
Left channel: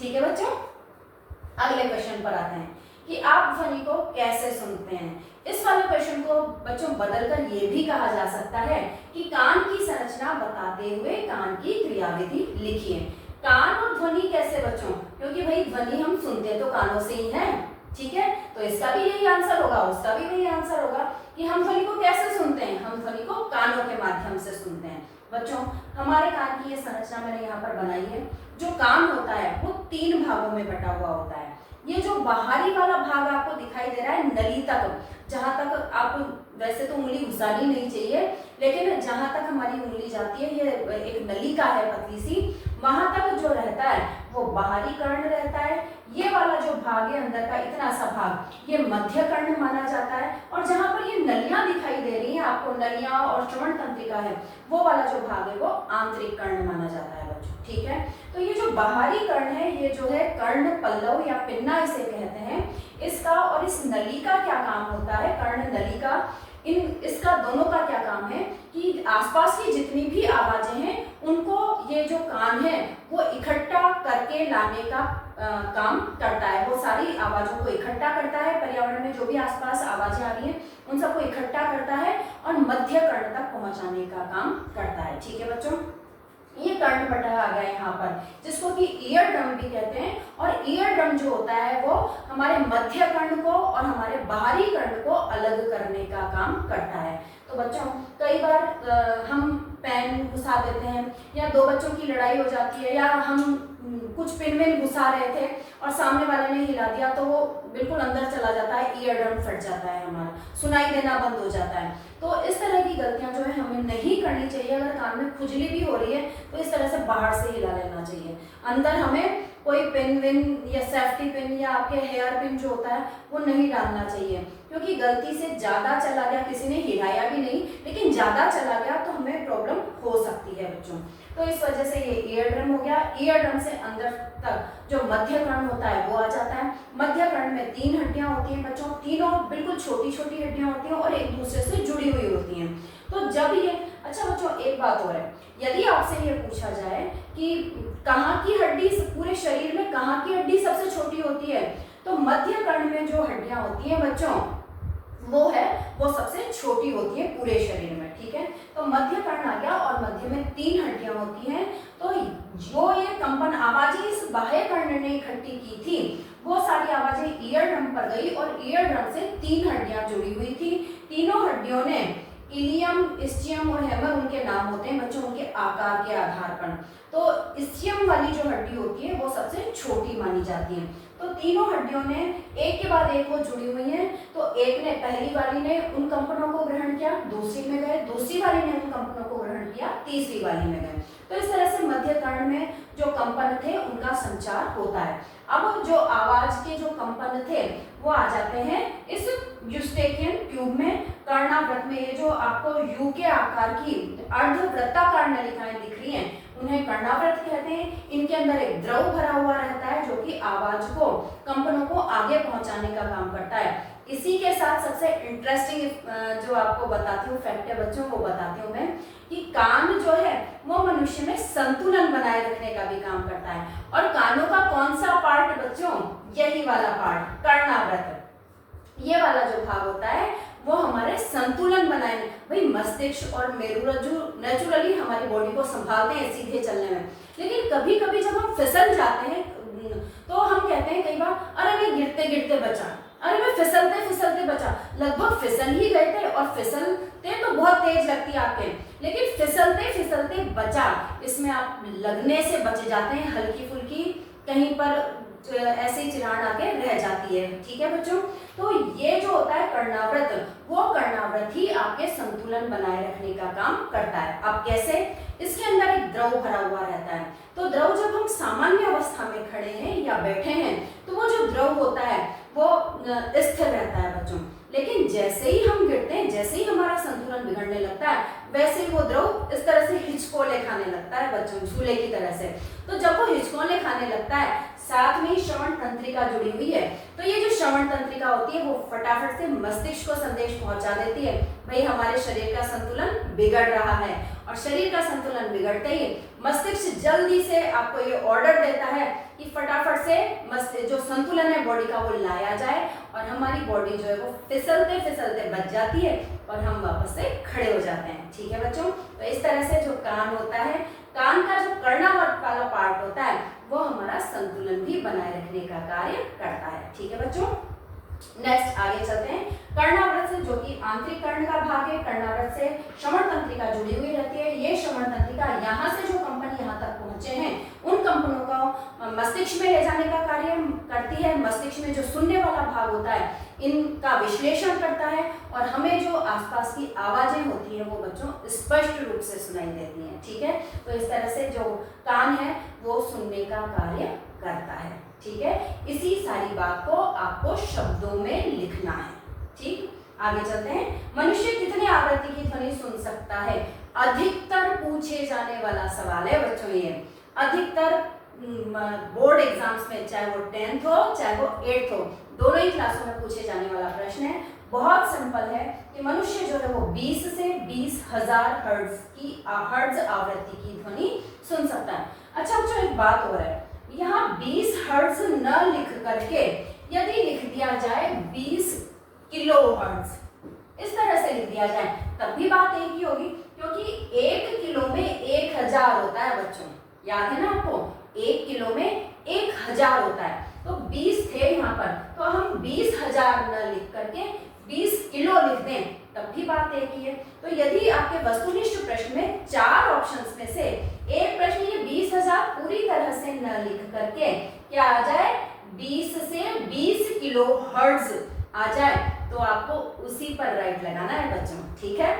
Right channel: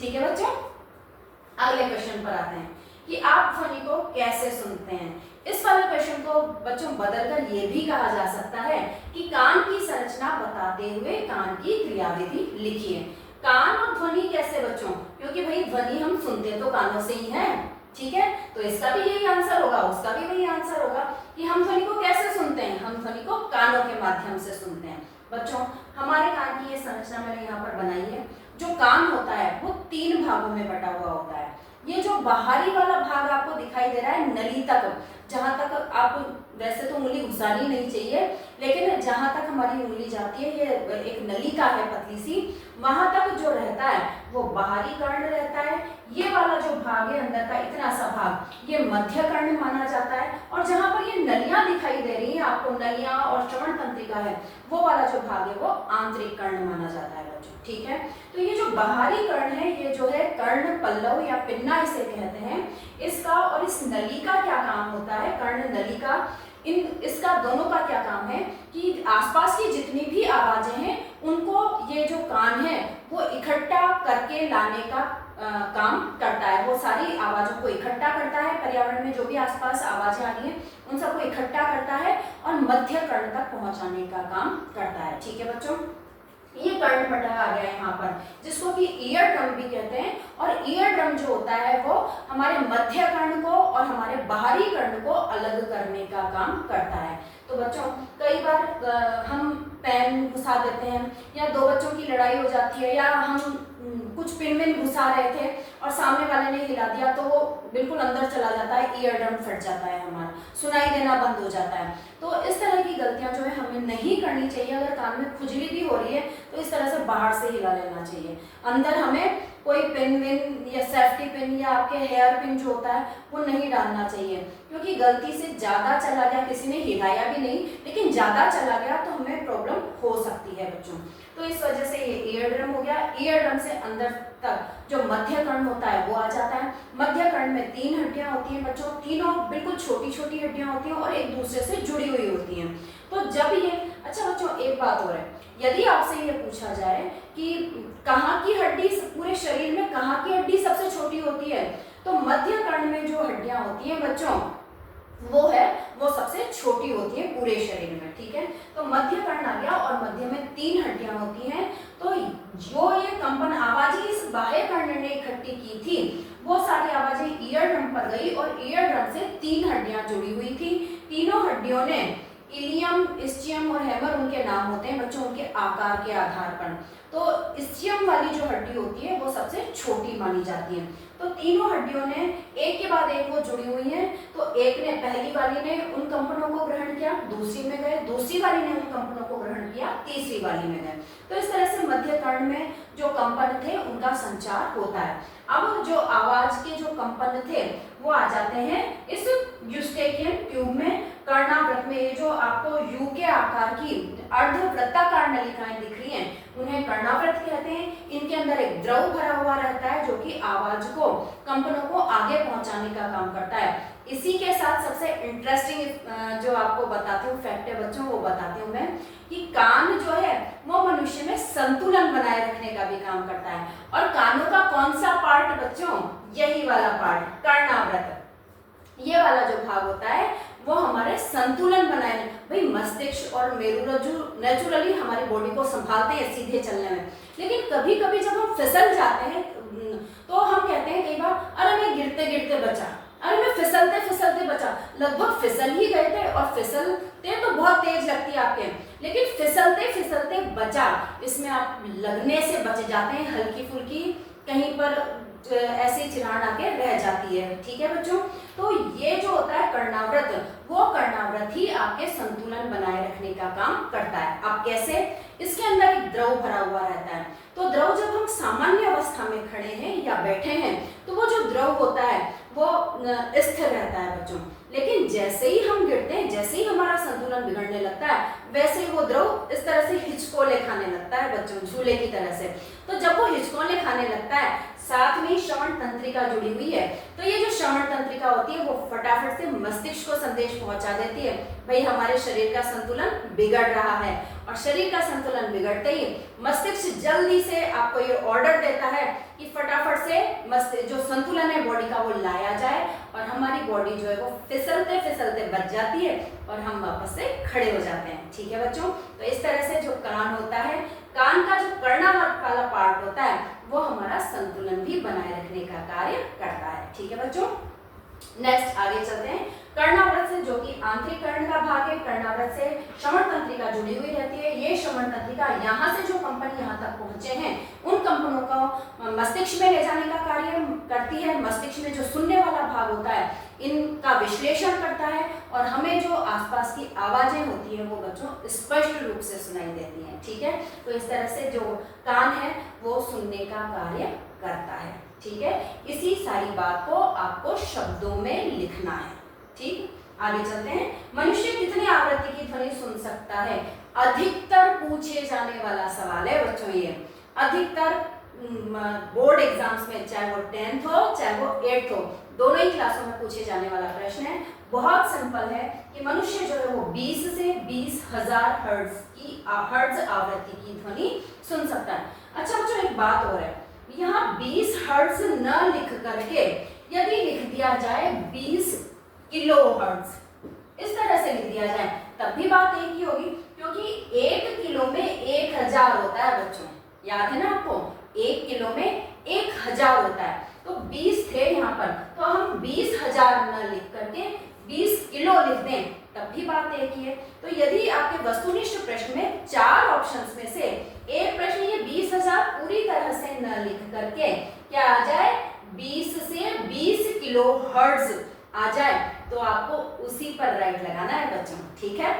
ठीक है बच्चों, अगले क्वेश्चन पर आते हैं कि आप ध्वनि को कैसे सुनते हैं। इस वाले क्वेश्चन को बच्चों बदलकर ये भी कहा जा सकता है कि कान की संरचना बताते हुए कान की क्रियाविधि लिखिए। कान और ध्वनि कैसे बच्चों, क्योंकि भाई ध्वनि हम सुनते तो कानों से ही है, ठीक है, तो इसका भी यही आंसर होगा, उसका भी वही आंसर होगा कि हम ध्वनि को कैसे सुनते हैं, हम ध्वनि को कानों के माध्यम से सुनते हैं। बच्चों हमारे कान की ये संरचना मैंने यहाँ पर बनाई है। जो कान होता है वो 3 भागों में बटा हुआ होता है। ये जो बाहरी वाला भाग आपको दिखाई दे रहा है नली तक, जहां तक आपको वैसे तो उंगली घुसानी नहीं चाहिए, लेकिन जहां तक हमारी उंगली जाती है ये एक नलिका है पतली सी, वहां तक जो रहता है वो बाहरी कर्ण रहता है। ये वाला जो भाग है अंदर का इतना सा भाग ये मध्य कर्ण माना जाता है। और जहां पर ये नलियां दिखाई दे रही है आपको, नलियां और श्रवण तंत्रिका है, वो वाला जो भाग है वो आंतरिक कर्ण माना जाता है बच्चों, ठीक है। तो ये जो बाहरी कर्ण है ये जो है कर्ण पल्लव या पिन्ना इसे कहते हैं। इसका और इस नली का क्या काम होता है, कर्ण नली का, इसका दोनों का क्या काम है कि आसपास की जितनी भी आवाजें हैं उनको ये जो कान है वो इकट्ठा करके लाने का काम करता है। वो सारी आवाजों को इकट्ठा करता है, पर्यावरण में जो भी आसपास आवाजें आ रही हैं उन सबको इकट्ठा करता है और मध्य कर्ण तक पहुंचाने का काम करता है, ठीक है बच्चों। ये कर्ण बटा आ गया यहाँ पर, जिसको कि ईयर ड्रम भी कहते हैं। और ईयर ड्रम जो होता है वो हमारे मध्य कर्ण को और हमारे बाहरी कर्ण को अलग करने का काम करता है। तो बच्चों कई बार हम पेन घुसा देते हैं या दो बच्चों की लड़ाई हो जाती है, या हम कुछ पिन में घुसा रहे थे और सामने वाले ने हिला दिया तो वो बिल्कुल अंदर चला जाता है, ईयर ड्रम फट जाता है, हमारा सुनाई देना बंद हो जाता है। तो इस तरह की गलतियां जो है हमें नहीं करनी चाहिए। अगर कान में खुजली भी हो रही है तो इस तरह से बाहर से हिला लेना चाहिए। अंदर हमें कोई पिन विन या सेफ्टी पिन या आपके हेयर पिन जो होता है वो नहीं डालना चाहिए, क्योंकि गलती से ज्यादा चला गया, किसी ने हिलाया भी नहीं लेकिन ज्यादा चला गया तो हमें प्रॉब्लम हो सकती है बच्चों। तो इस वजह से ये ईयर ड्रम हो गया। ईयर ड्रम से अंदर तक जो मध्य कर्ण होता है वो आ जाता है। मध्य कर्ण में 3 हड्डियां होती हैं बच्चों, तीनों बिल्कुल छोटी छोटी हड्डियां होती हैं और एक दूसरे से जुड़ी हुई होती हैं। तो जब ये, अच्छा बच्चों एक बात और है, यदि आपसे ये पूछा जाए कि कहाँ की हड्डी पूरे शरीर में कहाँ की हड्डी सबसे छोटी होती है, तो मध्य कर्ण में जो हड्डियां होती हैं बच्चों वो सबसे छोटी होती है पूरे शरीर में, ठीक है। तो मध्य कर्ण आ गया और मध्य में 3 हड्डियां होती हैं। तो जो ये कंपन आवाजें इस बाह्य कर्ण ने इकट्ठी की थी वो सारी आवाजें ईयर ड्रम पर गई और ईयर ड्रम से 3 हड्डियां जुड़ी हुई थी। तीनों हड्डियों ने इलियम, इस्चियम और हैमर उनके नाम होते हैं बच्चों, उनके आकार के आधार पर। तो इस्चियम वाली जो हड्डी होती है वो सबसे छोटी मानी जाती है। तो तीनों हड्डियों ने एक के बाद एक वो जुड़ी हुई हैं। तो एक ने, पहली वाली ने उन कंपनों को ग्रहण किया, दूसरी में गए, दूसरी वाली ने उन कंपनों को ग्रहण किया, तीसरी वाली में गए। तो इस तरह से मध्य कर्ण में जो कंपन थे उनका संचार होता है। अब जो आवाज के जो कंपन थे वो आ जाते हैं इस यूस्टेकियन ट्यूब में, कर्णावृत में। ये जो आपको यू के आकार की अर्धवृत्ताकार नलिकाएं दिख रही हैं उन्हें कर्णावृत कहते हैं। इनके अंदर एक द्रव भरा हुआ रहता है जो कि आवाज को, कंपनों को आगे पहुंचाने का काम करता है। इसी के साथ सबसे इंटरेस्टिंग जो आपको बताती हूँ फैक्ट है बच्चों, वो बताती हूँ मैं कि कान जो है वो मनुष्य में संतुलन बनाए रखने का भी काम करता है। और कानों का कौन सा पार्ट बच्चों, यही वाला पार्ट कर्णावृत, ये वाला जो भाग होता है वो हमारे संतुलन बनाए। भाई मस्तिष्क और मेरुरज्जु नेचुरली हमारी बॉडी को संभालते हैं सीधे चलने में, लेकिन कभी कभी जब हम फिसल जाते हैं तो हम कहते हैं कई बार, अरे मैं गिरते गिरते बचा, अरे मैं फिसलते फिसलते बचा। लगभग फिसल ही गए थे और फिसलते तो बहुत तेज लगती है आपके, लेकिन फिसलते फिसलते बचा, इसमें आप लगने से बच जाते हैं, हल्की फुल्की कहीं पर ऐसी चिराण आके रह जाती है, ठीक है बच्चों। तो ये जो होता है कर्णावृत, वो कर्णावृत ही आपके संतुलन बनाए रखने का काम करता है। अब कैसे, इसके अंदर एक द्रव भरा हुआ रहता है। तो द्रव जब हम सामान्य अवस्था में खड़े हैं या बैठे हैं तो वो जो द्रव होता है वो स्थिर रहता है बच्चों, लेकिन जैसे ही हम गिरते हैं, जैसे ही हमारा संतुलन बिगड़ने लगता है, वैसे ही वो द्रव इस तरह से हिचकोले खाने लगता है बच्चों, झूले की तरह से। तो जब वो हिचकोले खाने लगता है, साथ में ही श्रवण तंत्रिका जुड़ी हुई है। तो ये जो श्रवण तंत्रिका होती है वो फटाफट से मस्तिष्क को संदेश पहुंचा देती है, भाई हमारे शरीर का संतुलन बिगड़ रहा है। और शरीर का संतुलन बिगड़ते ही मस्तिष्क जल्दी से आपको ये ऑर्डर देता है कि फटाफट से जो संतुलन है बॉडी का वो लाया जाए, और हमारी बॉडी जो है वो फिसलते फिसलते बच जाती है और हम वापस से खड़े हो जाते हैं। ठीक है बच्चों, तो इस तरह से जो कान होता है, कान का जो कर्णावर्त वाला पार्ट होता है वो हमारा संतुलन भी बनाए रखने का कार्य करता है। ठीक है बच्चों, नेक्स्ट आगे चलते हैं। कर्णावृत से, जो कि आंतरिक कर्ण का भाग है, कर्णावृत से श्रवण तंत्रिका जुड़ी हुई रहती है। ये श्रवण तंत्रिका यहाँ से जो कंपन यहाँ तक पहुंचे हैं उन कंपनों को मस्तिष्क में ले जाने का कार्य करती है। मस्तिष्क में जो सुनने वाला भाग होता है इनका विश्लेषण करता है, और हमें जो आसपास की आवाजें होती हैं वो बच्चों स्पष्ट रूप से सुनाई देती हैं। ठीक है, तो इस तरह से जो कान है वो सुनने का कार्य करता है। ठीक है, इसी सारी बात को आपको शब्दों में लिखना है। ठीक, आगे चलते हैं। मनुष्य कितने आवृत्ति की ध्वनि सुन सकता है? अधिकतर पूछे जाने वाला सवाल है बच्चों ये। अधिकतर बोर्ड एग्जाम्स में, चाहे वो 10th हो चाहे वो 8th हो, दोनों ही क्लासों में पूछे जाने वाला प्रश्न है। बहुत सिंपल है कि मनुष्य जो है वो 20 से 20,000 हर्ट्ज आवृत्ति की ध्वनि सुन सकता है। अच्छा बच्चों, एक बात और है, यहाँ 20 हर्ट्ज न लिख करके यदि लिख दिया जाए 20 किलो हर्ट्ज, इस तरह से लिख दिया जाए तब भी बात एक ही होगी, क्योंकि 1 किलो में 1000 होता है बच्चों, याद है ना आपको, 1 किलो में 1000 होता है। तो 20 थे यहाँ पर, तो हम 20,000 न लिख करके 20 किलो लिख दें तब भी बात एक ही है। तो यदि आपके वस्तुनिष्ठ प्रश्न में 4 ऑप्शंस में से एक प्रश्न ये 20,000 पूरी तरह से न लिख करके क्या आ जाए, 20 से 20 किलो हर्ट्ज आ जाए, तो आपको उसी पर राइट लगाना है बच्चों। ठीक है,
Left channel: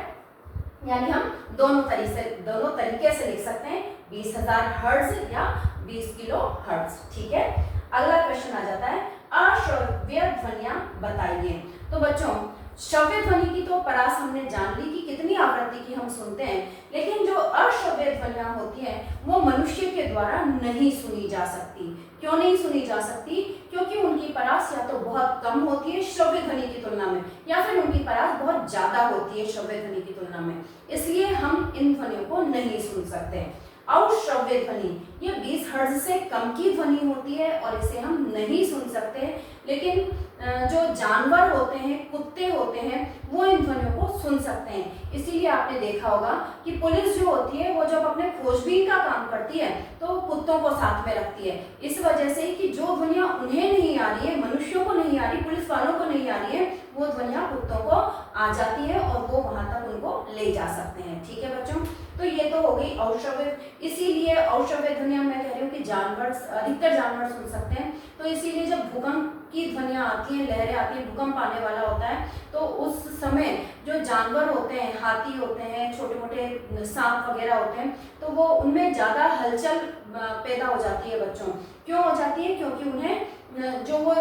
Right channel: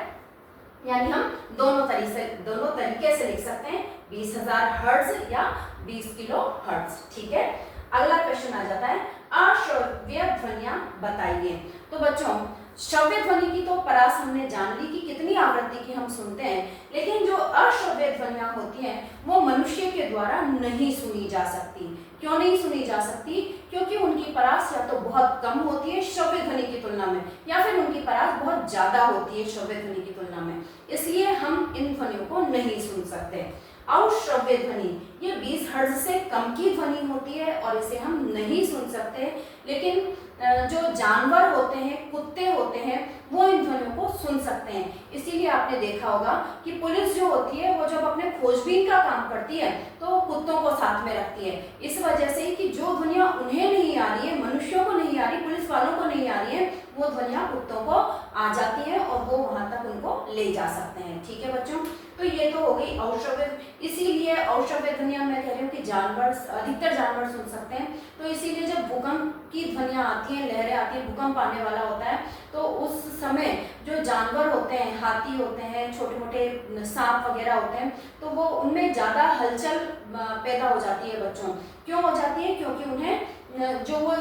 यानी हम दोनों तरीके से लिख सकते हैं, 20,000 हर्ट्ज या 20 किलो हर्ट्ज। ठीक है, अगला क्वेश्चन आ जाता है, अश्रव्य ध्वनियां बताइए। तो बच्चों, श्रव्य ध्वनि की तो परास हमने जान ली कि कितनी आवृत्ति की हम सुनते हैं, लेकिन जो अश्रव्य ध्वनियां होती हैं वो मनुष्य के द्वारा नहीं सुनी जा सकती। क्यों नहीं सुनी जा सकती? क्योंकि उनकी परास या तो बहुत कम होती है श्रव्य ध्वनि की तुलना में, या फिर उनकी परास बहुत ज्यादा होती है श्रव्य ध्वनि की तुलना में, इसलिए हम इन ध्वनियों को नहीं सुन सकते। अश्रव्य ध्वनि ये 20 हर्ट्ज से कम की ध्वनि होती है और इसे हम नहीं सुन सकते, लेकिन जो जानवर होते हैं, कुत्ते होते हैं, वो इन ध्वनियों को सुन सकते हैं। इसीलिए आपने देखा होगा कि पुलिस जो होती है वो जब अपने खोजबीन का काम करती है तो वो कुत्तों को साथ में रखती है, इस वजह से कि जो ध्वनियां उन्हें नहीं आ रही है, मनुष्यों को नहीं आ रही, पुलिस वालों को नहीं आ रही है, वो ध्वनियां कुत्तों को आ जाती है और वो वहां तक उनको ले जा सकते हैं। ठीक है बच्चों, तो ये तो हो गई अश्रव्य। इसीलिए अश्रव्य ध्वनियां मैं कह रही हूँ कि अधिकतर जानवर सुन सकते हैं। तो इसीलिए जब भूकंप की ध्वनियां आती हैं, लहरें आती हैं, भूकंप आने वाला होता है, तो उस समय जो जानवर होते हैं, हाथी होते हैं, छोटे मोटे सांप वगैरह होते हैं, तो वो उनमें ज़्यादा हलचल पैदा हो जाती है बच्चों। क्यों हो जाती है? क्योंकि उन्हें जो वो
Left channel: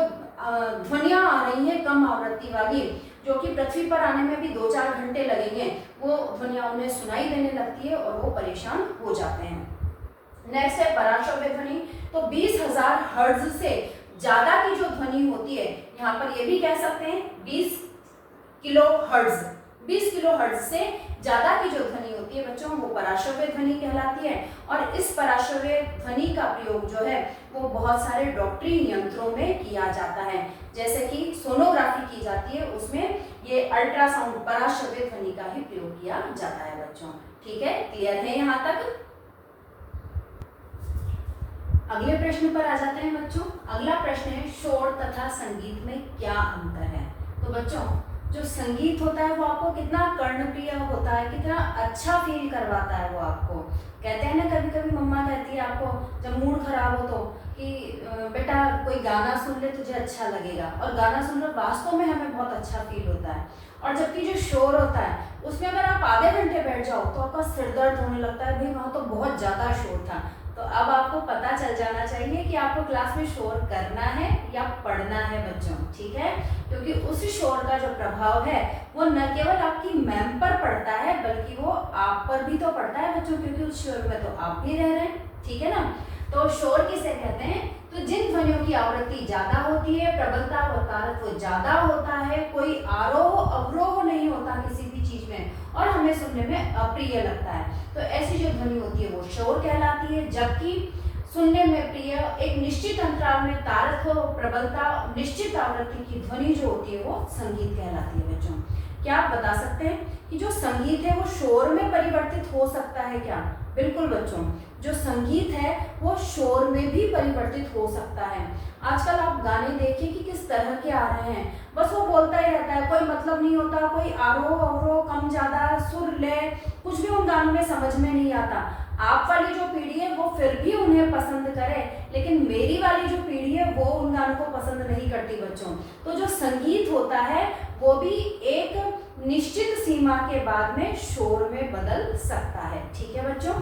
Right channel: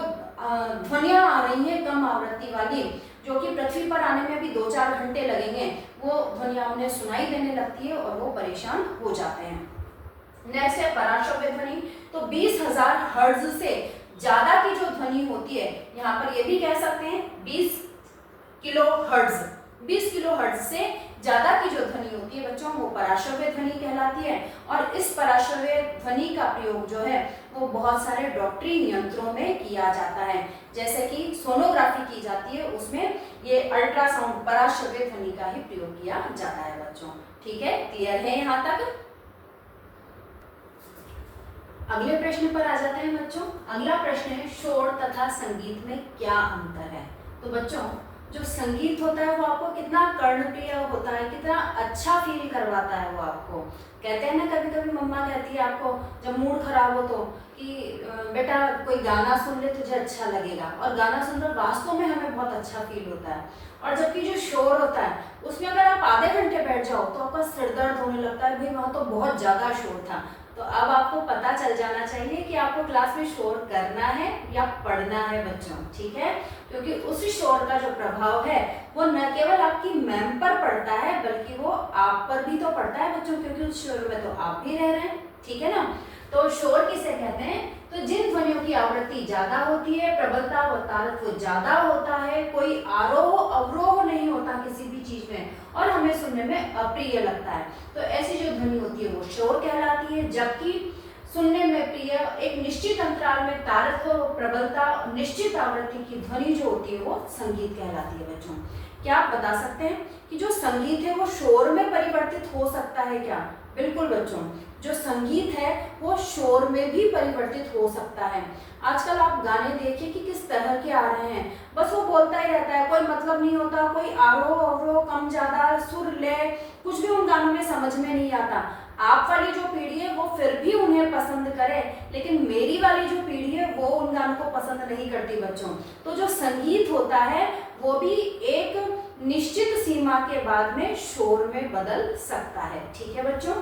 ध्वनियां आ रही हैं कम आवृत्ति वाली, जो कि पृथ्वी पर आने में भी 2-4 घंटे लगेंगे, वो ध्वनियां उन्हें सुनाई देने लगती है और वो परेशान हो जाते हैं। नेक्स्ट है पराश्रव्य ध्वनि। तो 20,000 हर्ट्ज से ज्यादा की जो ध्वनि होती है, यहाँ पर ये भी कह सकते हैं 20 किलो हर्ट्ज, 20 किलो हर्ट्ज से ज्यादा की जो ध्वनि होती है बच्चों वो पराश्रव्य ध्वनि कहलाती है। और इस पराश्रव्य ध्वनि का प्रयोग जो है वो बहुत सारे डॉक्टरी यंत्रों में किया जाता है, जैसे कि सोनोग्राफी की जाती है, उसमें ये अल्ट्रासाउंड पराश्रव्य ध्वनि का ही प्रयोग किया जाता है बच्चों। ठीक है, क्लियर है यहाँ तक? अगले प्रश्न पर आ जाते हैं बच्चों। अगला प्रश्न है, शोर तथा संगीत में क्या अंतर है? तो बच्चों, जो संगीत होता है वो आपको कितना कर्णप्रिय होता है, कितना अच्छा फील करवाता है वो आपको। कहते हैं ना, कभी कभी मम्मा कहती है आपको जब मूड खराब हो तो कि बेटा कोई गाना सुन ले, तुझे अच्छा लगेगा, और गाना सुनकर वास्तव में हमें बहुत अच्छा फील होता है। और जबकि जो शोर होता है उसमें अगर आप आधे घंटे बैठ जाओ तो आपका सिर दर्द होने लगता है, भाई वहाँ तो बहुत ज़्यादा शोर था। तो अब आपको पता चल जाना चाहिए कि आपको क्लास में शोर करना है या पढ़ना है बच्चों। ठीक है, क्योंकि उस शोर का जो प्रभाव है वो न केवल आपकी मैम पर पड़ता है बल्कि वो आप पर भी तो पड़ता है बच्चों, क्योंकि उस शोर में तो आप भी रह रहे हैं। ठीक है ना, तो शोर किसे कहते हैं? तो जिन ध्वनियों की आवृत्ति ज्यादा होती है, प्रबलता व तारत्व ज्यादा होता है, कोई आरोह अवरोह नहीं होता किसी भी चीज में और हमें सुनने में अप्रिय लगता है, तो ऐसी जो ध्वनि होती है वो शोर कहलाती है। जबकि सुनने में प्रिय, एक निश्चित अंतराल में तारत्व, प्रबलता, निश्चित आवृत्ति की ध्वनि जो होती है वो संगीत कहलाती है। बच्चों, क्या आप बता सकते हैं कि जो संगीत है वो शोर में परिवर्तित हो सकता है क्या? बिल्कुल बच्चों, जो संगीत है वो शोर में भी परिवर्तित हो सकता है। आजकल आप गाने देखिए कि किस तरह के आ रहे हैं, बस वो बोलता ही रहता है, कोई मतलब नहीं होता, कोई आरोह अवरोह, कम ज्यादा, सुर लय, कुछ भी उन गानों में समझ में नहीं आता। आप वाली जो पीढ़ी है वो फिर भी उन्हें पसंद करे, लेकिन मेरी वाली जो पीढ़ी है वो उन गानों को पसंद नहीं करती बच्चों। तो जो संगीत होता है वो भी एक निश्चित सीमा के बाद में शोर में बदल सकता है। ठीक है बच्चों,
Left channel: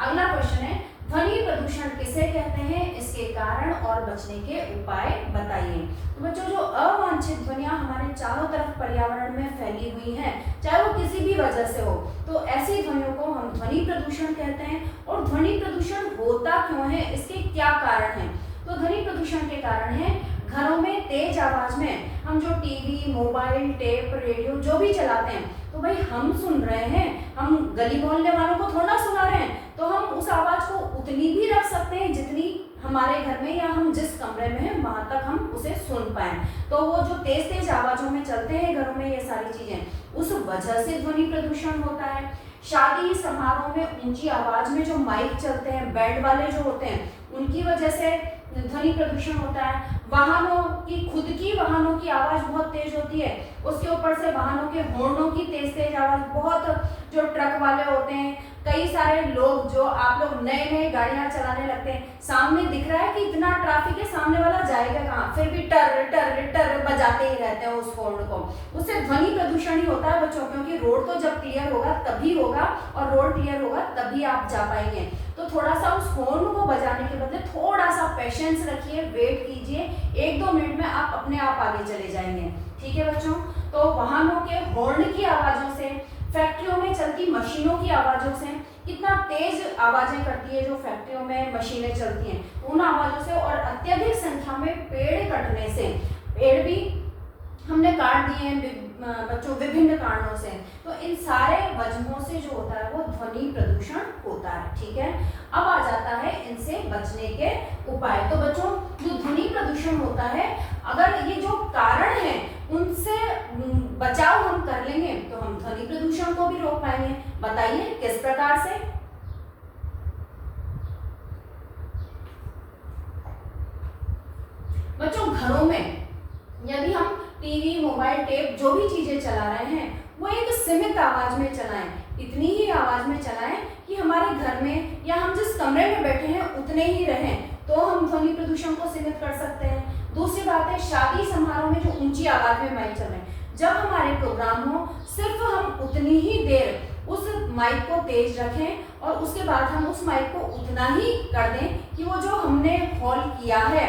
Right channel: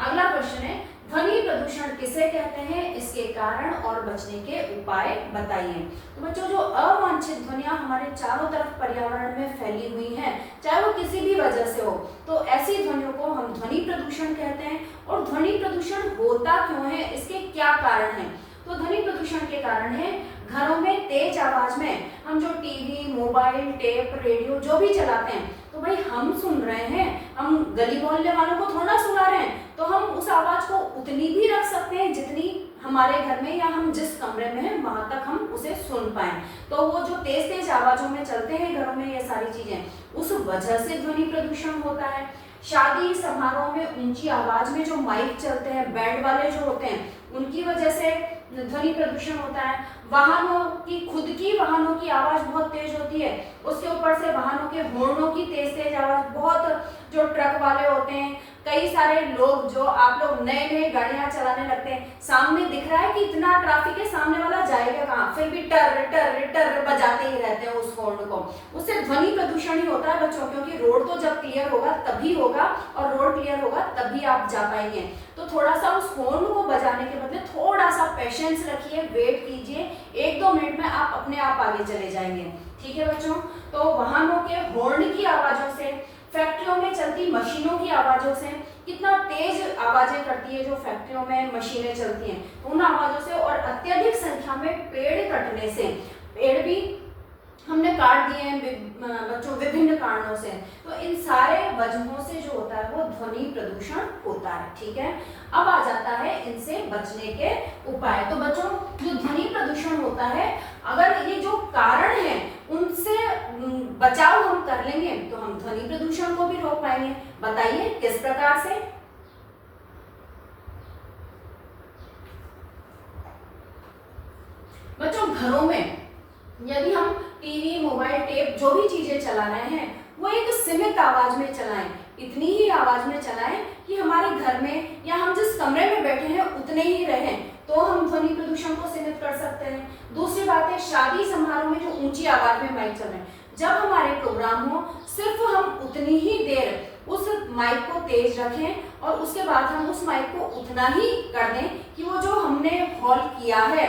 अगला क्वेश्चन है, ध्वनि प्रदूषण किसे कहते हैं, इसके कारण और बचने के उपाय बताइए। तो बच्चों, जो अवांछित ध्वनियां हमारे चारों तरफ पर्यावरण में फैली हुई हैं, चाहे वो किसी भी वजह से हो, तो ऐसी ध्वनियों को हम ध्वनि प्रदूषण कहते हैं। और ध्वनि प्रदूषण होता क्यों है, इसके क्या कारण हैं? तो ध्वनि प्रदूषण के कारण है घरों में तेज आवाज में हम जो टीवी, मोबाइल, टेप, रेडियो जो भी चलाते हैं, तो भाई हम सुन रहे हैं, हम गली मोहल्ले वालों को थोड़ा सुना रहे हैं, तो हम उस आवाज को उतनी भी रख सकते हैं जितनी हमारे घर में या हम जिस कमरे में हैं वहां तक हम उसे सुन पाए। तो वो जो तेज तेज आवाजों में चलते हैं घरों में ये सारी चीजें, उस वजह से ध्वनि प्रदूषण होता है। शादी समारोह में ऊंची आवाज में जो माइक चलते हैं, बैंड वाले जो होते हैं, उनकी वजह से ध्वनि प्रदूषण होता है। वाहनों की, खुद की वाहनों की आवाज बहुत तेज होती है, उसके ऊपर से वाहनों के हॉर्नों की तेज तेज आवाज, बहुत जो ट्रक वाले होते हैं, कई सारे लोग जो आप लोग नए नए गाड़ियां चलाने लगते हैं, सामने दिख रहा है कि इतना ट्रैफिक है, सामने वाला जाएगा कहाँ, फिर भी टर टर टर बजाते ही रहते हैं उस हॉर्न को। उससे ध्वनि प्रदूषण ही होता है बच्चों, क्योंकि रोड तो जब क्लियर होगा तभी होगा और रोड क्लियर होगा तभी आप जा पाएंगे। तो थोड़ा सा उस हॉर्न को बजाने के बदले थोड़ा सा पेशेंस रखिए, वेट कीजिए, 1-2 मिनट में आप अपने आप आगे चले जाएंगे। ठीक है बच्चों, तो वाहनों के हॉर्न की आवाजों से, फैक्ट्रियों में चलती मशीनों की आवाजों से, कितना तेज आवाजें करती है जो फैक्ट्रियों में मशीनें चलती हैं, उन आवाजों से, और अत्यधिक संख्या में पेड़ कटने से, पेड़ भी हमने काट दिए हैं बच्चों विभिन्न कारणों से, तो इन सारे वजहों से जो होता है वो ध्वनि प्रदूषण होता है। ठीक है, अब आ जाता है इनसे बचने के उपाय। तो बच्चों, जो ध्वनि प्रदूषण होता है, अगर ये जो कारण है उनसे बचाव हम कर लेंगे तो हम ध्वनि प्रदूषण को भी रोक पाएंगे। बताइए किस प्रकार से? बच्चों, घरों में यदि हम टीवी, मोबाइल, टेप जो भी चीजें चला रहे हैं वो एक सीमित आवाज में चलाएं, इतनी ही आवाज में चलाएं कि हमारे घर में या हम जिस कमरे में बैठे हैं उतने ही रहें, तो हम ध्वनि प्रदूषण को सीमित कर सकते हैं। दूसरी बात है, शादी समारोह में जो ऊंची आवाज में माइक चल रहे हैं, जब हमारे प्रोग्राम हो सिर्फ हम उतनी ही देर उस माइक को तेज रखें और उसके बाद हम उस माइक को उतना ही कर दें कि वो जो हमने हॉल किया है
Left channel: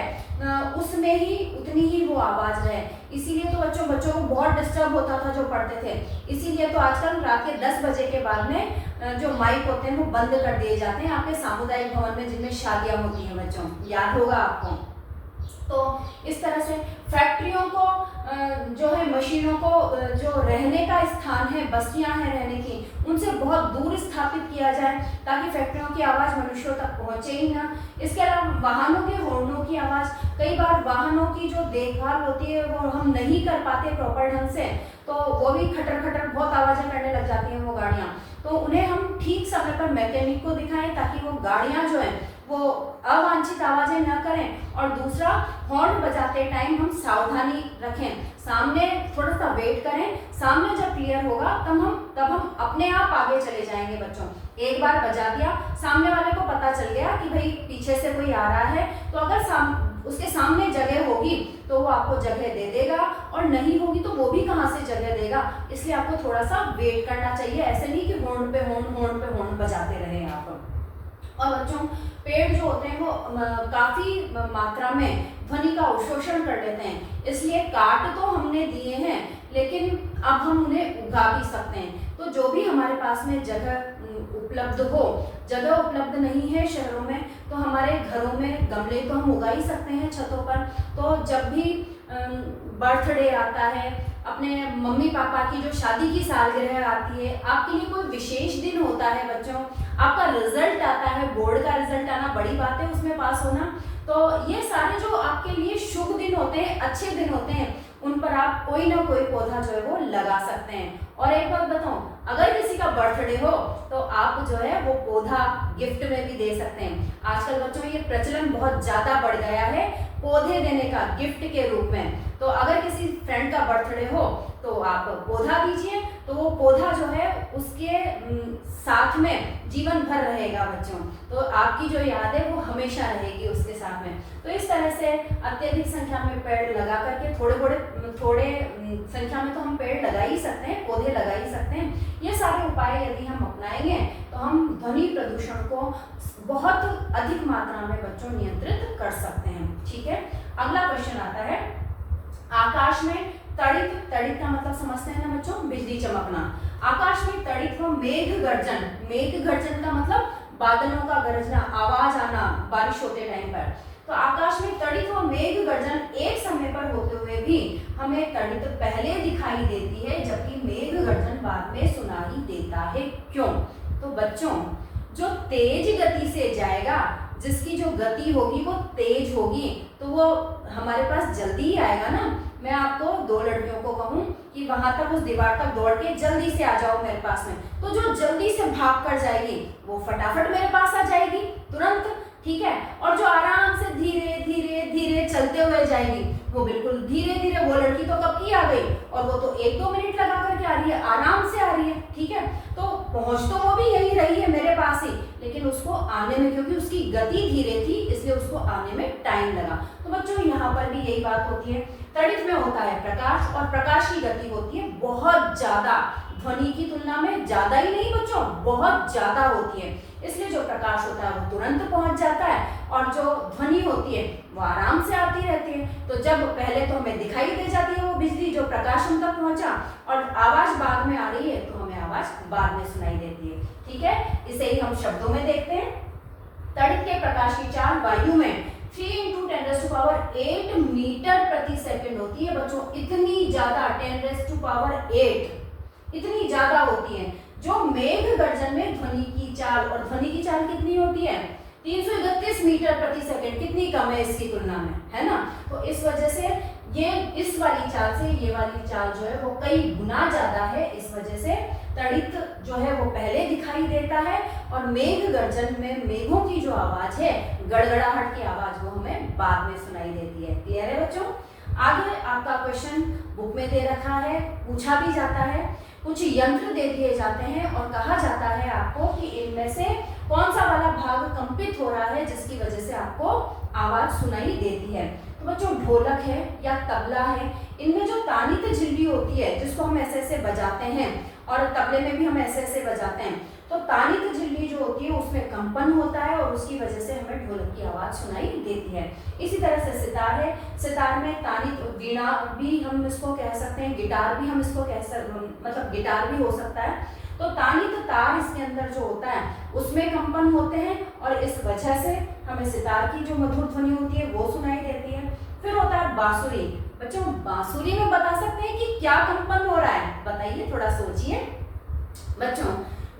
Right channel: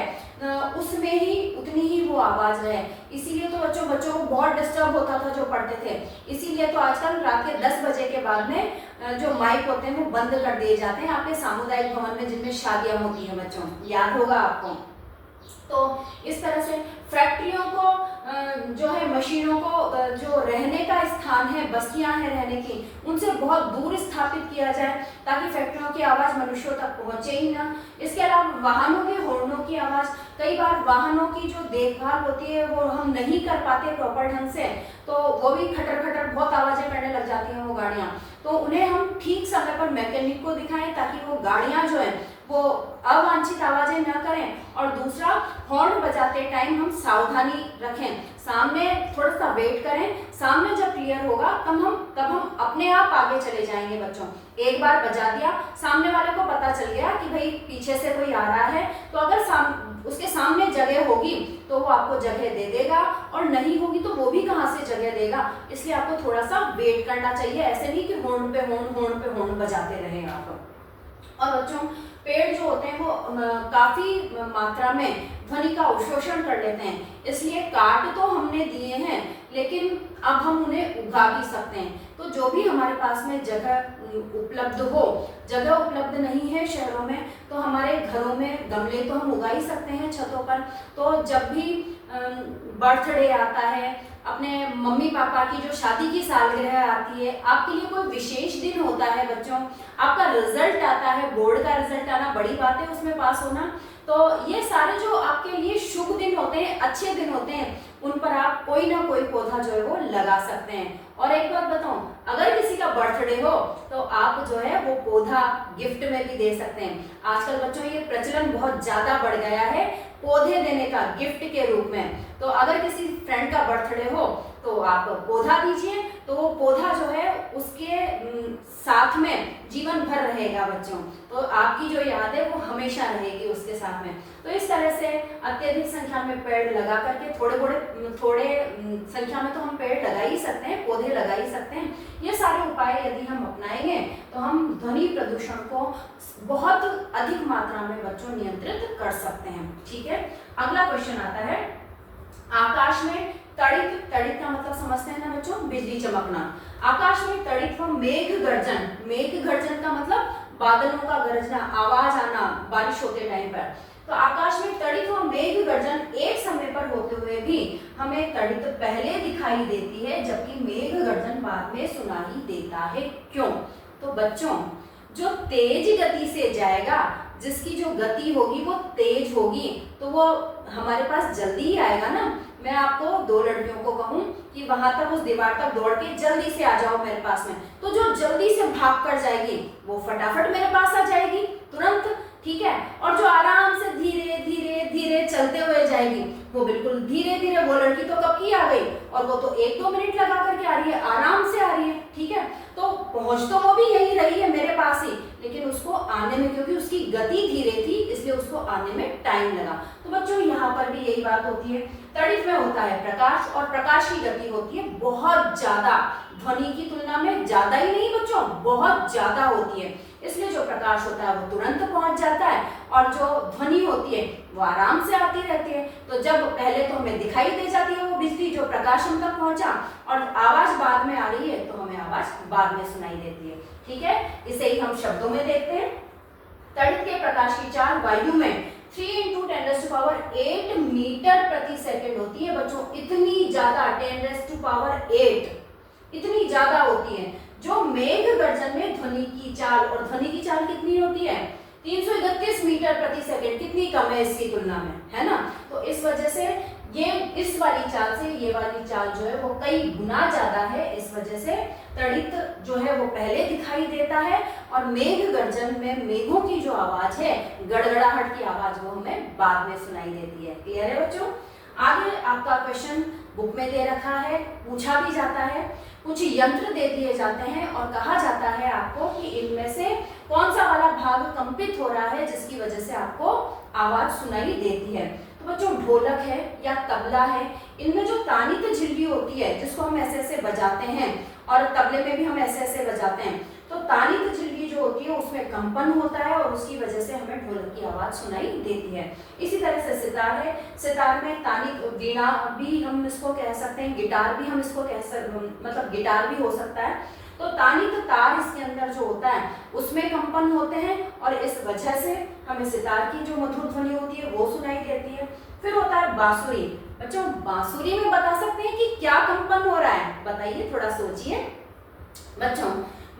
उसमें ही उतनी ही वो आवाज रहे। इसीलिए तो बच्चों को बहुत डिस्टर्ब होता था जो पढ़ते थे, इसीलिए तो आजकल रात के 10 बजे के बाद में जो माइक होते हैं वो बंद कर दिए जाते हैं आपके सामुदायिक भवन में जिनमें शादियां होती हैं बच्चों, याद होगा आपको। तो इस तरह से फैक्ट्रियों को जो है, मशीनों को जो रहने का स्थान है, बस्तियां हैं रहने की, उनसे बहुत दूर स्थापित किया जाए ताकि फैक्ट्रियों की आवाज मनुष्यों तक पहुंचे ही ना। इसके अलावा वाहनों के हॉर्नों की आवाज, कई बार वाहनों की जो देखभाल होती है वो हम नहीं कर पाते प्रॉपर ढंग से, तो वो भी खटर खटर बहुत आवाजें करने लग जाती हैं वो गाड़ियां, तो उन्हें हम ठीक समय पर मैकेनिक को दिखाएं ताकि वो गाड़ियां जो है वो अवांछित आवाजें न करें। और दूसरा, हॉर्न बजाते टाइम हम सावधानी रखें, सामने थोड़ा सा वेट करें, सामने जब क्लियर होगा तब हम अपने आप आगे चले जाएंगे बच्चों। एक बार बजा दिया, सामने वाले को पता चल गया कि भाई पीछे से कोई आ रहा है, तो अगर उसके सामने जगह होगी तो वो आपको जगह दे देगा, और नहीं होगी तो वो भी कहाँ से जगह देगा। इसलिए आपको थोड़ा सा वेट करना चाहिए, ऐसे नहीं कि हॉर्न पे हॉर्न बजाते रहे आप। और बच्चों, पेड़ जो होते हैं वो काफी मात्रा में ध्वनि का अवशोषण कर लेते हैं। इसलिए काट तो हमने दिए हैं, लेकिन अब हम उन्हें उगा भी सकते हैं। तो जो भी हमारे पास में जगह उपलब्ध हो, जगह उपलब्ध नहीं है शहरों में, तो हमारे घरों में गमले तो हम उगा ही सकते हैं छतों पर। तो जब भी बर्थडे आता है, अपने मम्मी पापा की जो शादी की सालगिरह आती है, आपके लिए कोई विशेष दिन होता है बच्चों, आपका रिजल्ट आता है, बोर्ड का रिजल्ट आना बड़ी बात है, उसमें पास होना, तो ये सारे जो आपके लिए शुभ दिन होते हैं, अच्छे दिन होते हैं, उन पर आप कोई ना कोई पौधा जो है वो लगा सकते हैं। और एक बात बताऊं, अगर किसी का बर्थडे हो तो आप जो है वो पौधा गिफ्ट में भी दे सकते हैं। आजकल बच्चों ये प्रचलन बहुत ज्यादा बढ़ गया है पौधे देने का गिफ्ट के रूप में। तो अगर किसी फ्रेंड का बर्थडे हो तो आप पौधा दीजिए, तो वो पौधा जो है उसके साथ में जीवन भर रहेगा बच्चों। तो आपकी जो याद है वो हमेशा रहेगी उसके साथ में। तो इस तरह से अत्यधिक संख्या में पेड़ लगा करके, थोड़े संख्या में तो हम पेड़ लगा ही सकते हैं, पौधे लगा ही सकते हैं। ये सारे उपाय यदि हम अपनाएंगे तो हम ध्वनि प्रदूषण को बहुत अधिक मात्रा में बच्चों नियंत्रित कर सकते हैं। ठीक है, अगला क्वेश्चन आता है, आकाश में तड़ित, तड़ित का मतलब समझते हैं ना बच्चों, बिजली चमकना। आकाश में तड़ित व मेघ गर्जन, मेघ गर्जन का मतलब बादलों का गरजना, आवाज आना बारिश होते टाइम पर। तो आकाश में तड़ित व मेघ गर्जन एक समय पर होते हुए भी हमें तड़ित पहले दिखाई देती है, जबकि मेघ गर्जन बाद में सुनाई देता है। क्यों? तो बच्चों, जो तेज गति से जाएगा, जिसकी जो गति होगी वो तेज होगी, तो वो हमारे पास जल्दी ही आएगा ना। मैं आपको दो लड़कियों को कहूं कि वहां तक उस दीवार तक दौड़ के जल्दी से आ जाओ मेरे पास में, तो जो जल्दी से भाग कर जाएगी वो फटाफट मेरे पास आ जाएगी तुरंत। ठीक है, और जो आराम से धीरे धीरे धीरे चलते हुए जाएगी, वो बिल्कुल धीरे धीरे, वो लड़की तो कब की आ गई, और वो तो 1-2 मिनट लगा करके आ रही है, आराम से आ रही है। ठीक है, तो पहुंच तो वो भी यही रही है मेरे पास ही, लेकिन उसको आने में, क्योंकि उसकी गति धीरे थी, इसलिए उसको आने में टाइम लगा। तो बच्चों यहाँ पर भी यही बात होती है, तड़ित में होता है प्रकाश, और प्रकाश की गति होती है बहुत ज्यादा, ध्वनि की तुलना में ज्यादा ही नहीं बच्चों, बहुत ज्यादा होती है। इसलिए जो प्रकाश होता है वो तुरंत पहुंच जाता है, और जो ध्वनि होती है वो आराम से आती रहती है। तो जब पहले तो हमें दिखाई दे जाती है वो बिजली, जो प्रकाश हम तक पहुंचा, और आवाज बाद में आ रही है तो हमें आवाज बाद में सुनाई देती है। ठीक है, इसे ही हम शब्दों में देखते हैं। तड़ित के प्रकाश की चाल वायु में 3 × 10⁸ मीटर प्रति सेकंड होती है बच्चों। इतनी ज्यादा 10⁸ इतनी ज्यादा होती है। जो मेघ गर्जन में ध्वनि की चाल, और ध्वनि की चाल कितनी होती है, 331 मीटर प्रति सेकंड, कितनी कम है इसकी तुलना में, है ना। तो इस वजह से ये इस वाली चाल से ये वाली चाल जो है वो कई गुना ज्यादा है। इस वजह से तड़ित जो है वो पहले दिखाई देता है, और मेघ गर्जन में मेघों की जो आवाज है, गड़गड़ाहट की आवाज, वो हमें बाद में सुनाई देती है। क्लियर है बच्चों? आगे आपका क्वेश्चन बुक में दे रखा है, पूछा भी जाता है, कुछ यंत्र दे दिए जाते हैं और कहा जाता है आपको कि इनमें से कौन सा वाला भाग कंपित हो रहा है, जिसकी वजह से आपको आवाज सुनाई देती है। तो बच्चों, ढोलक है या तबला है, इनमें जो तानित झिल्ली होती है, जिसको हम ऐसे ऐसे बजाते हैं, और तबले में भी हम ऐसे ऐसे बजाते हैं, तो तानित झिल्ली जो होती है उसमें कंपन होता है, और उसकी वजह से हमें ढोलक की आवाज सुनाई देती है। इसी तरह से सितार है, सितार में तानित, वीणा भी हम इसको कह सकते हैं, गिटार भी हम इसको कह सकते, मतलब गिटार भी हो सकता है। तो तानित तार इसके अंदर जो होता है उसमें कंपन होते हैं, और इस वजह से हमें सितार की जो मधुर ध्वनि होती है वो सुनाई देती है। फिर होता है बांसुरी। बच्चों, बांसुरी में बता सकते हैं कि क्या कंपन हो रहा है, बताइए, थोड़ा सोचिए। बच्चों,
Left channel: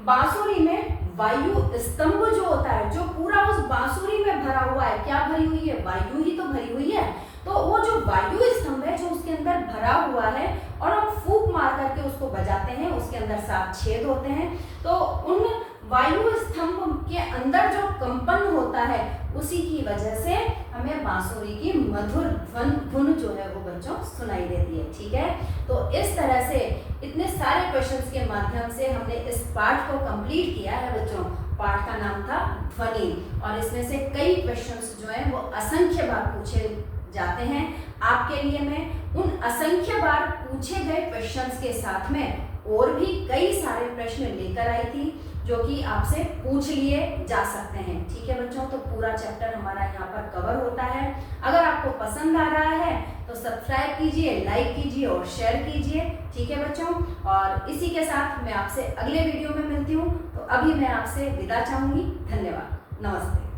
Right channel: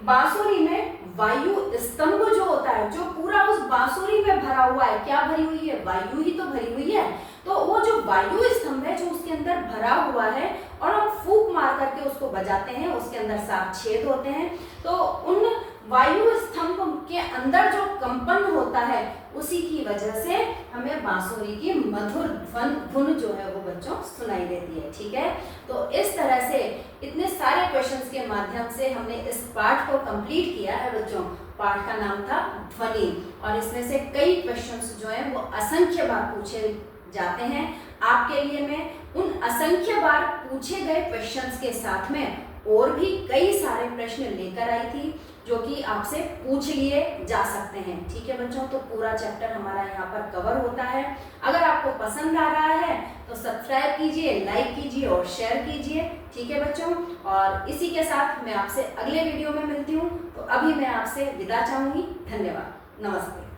बांसुरी में वायु स्तंभ जो होता है, जो पूरा उस बांसुरी में भरा हुआ है, क्या भरी हुई है, वायु ही तो भरी हुई है। तो वो जो वायु स्तंभ है जो उसके अंदर भरा हुआ है, और हम फूंक मार करके उसको बजाते हैं, उसके अंदर 7 छेद होते हैं। तो उन वायु स्तंभ के अंदर जो कंपन होता है, उसी की वजह से हमें बांसुरी की मधुर धुन जो है वो बच्चों सुनाई देती है। ठीक है, तो इस तरह से इतने सारे क्वेश्चंस के माध्यम से हमने इस पाठ को कंप्लीट किया है बच्चों। पाठ का नाम था ध्वनि, और इसमें से कई क्वेश्चंस जो है वो असंख्य बार पूछे जाते हैं। आपके लिए मैं उन असंख्य बार पूछे गए क्वेश्चंस के साथ में और भी कई सारे प्रश्न लेकर आई थी जो कि आपसे पूछ लिए जा सकते हैं। ठीक है बच्चों, तो पूरा चैप्टर हमारा यहाँ पर कवर होता है। अगर आपको पसंद आ रहा है तो सब्सक्राइब कीजिए, लाइक कीजिए और शेयर कीजिए। ठीक है बच्चों, और इसी के साथ मैं आपसे अगले वीडियो में मिलती हूँ। तो अभी मैं आपसे विदा चाहूंगी। धन्यवाद, नमस्ते।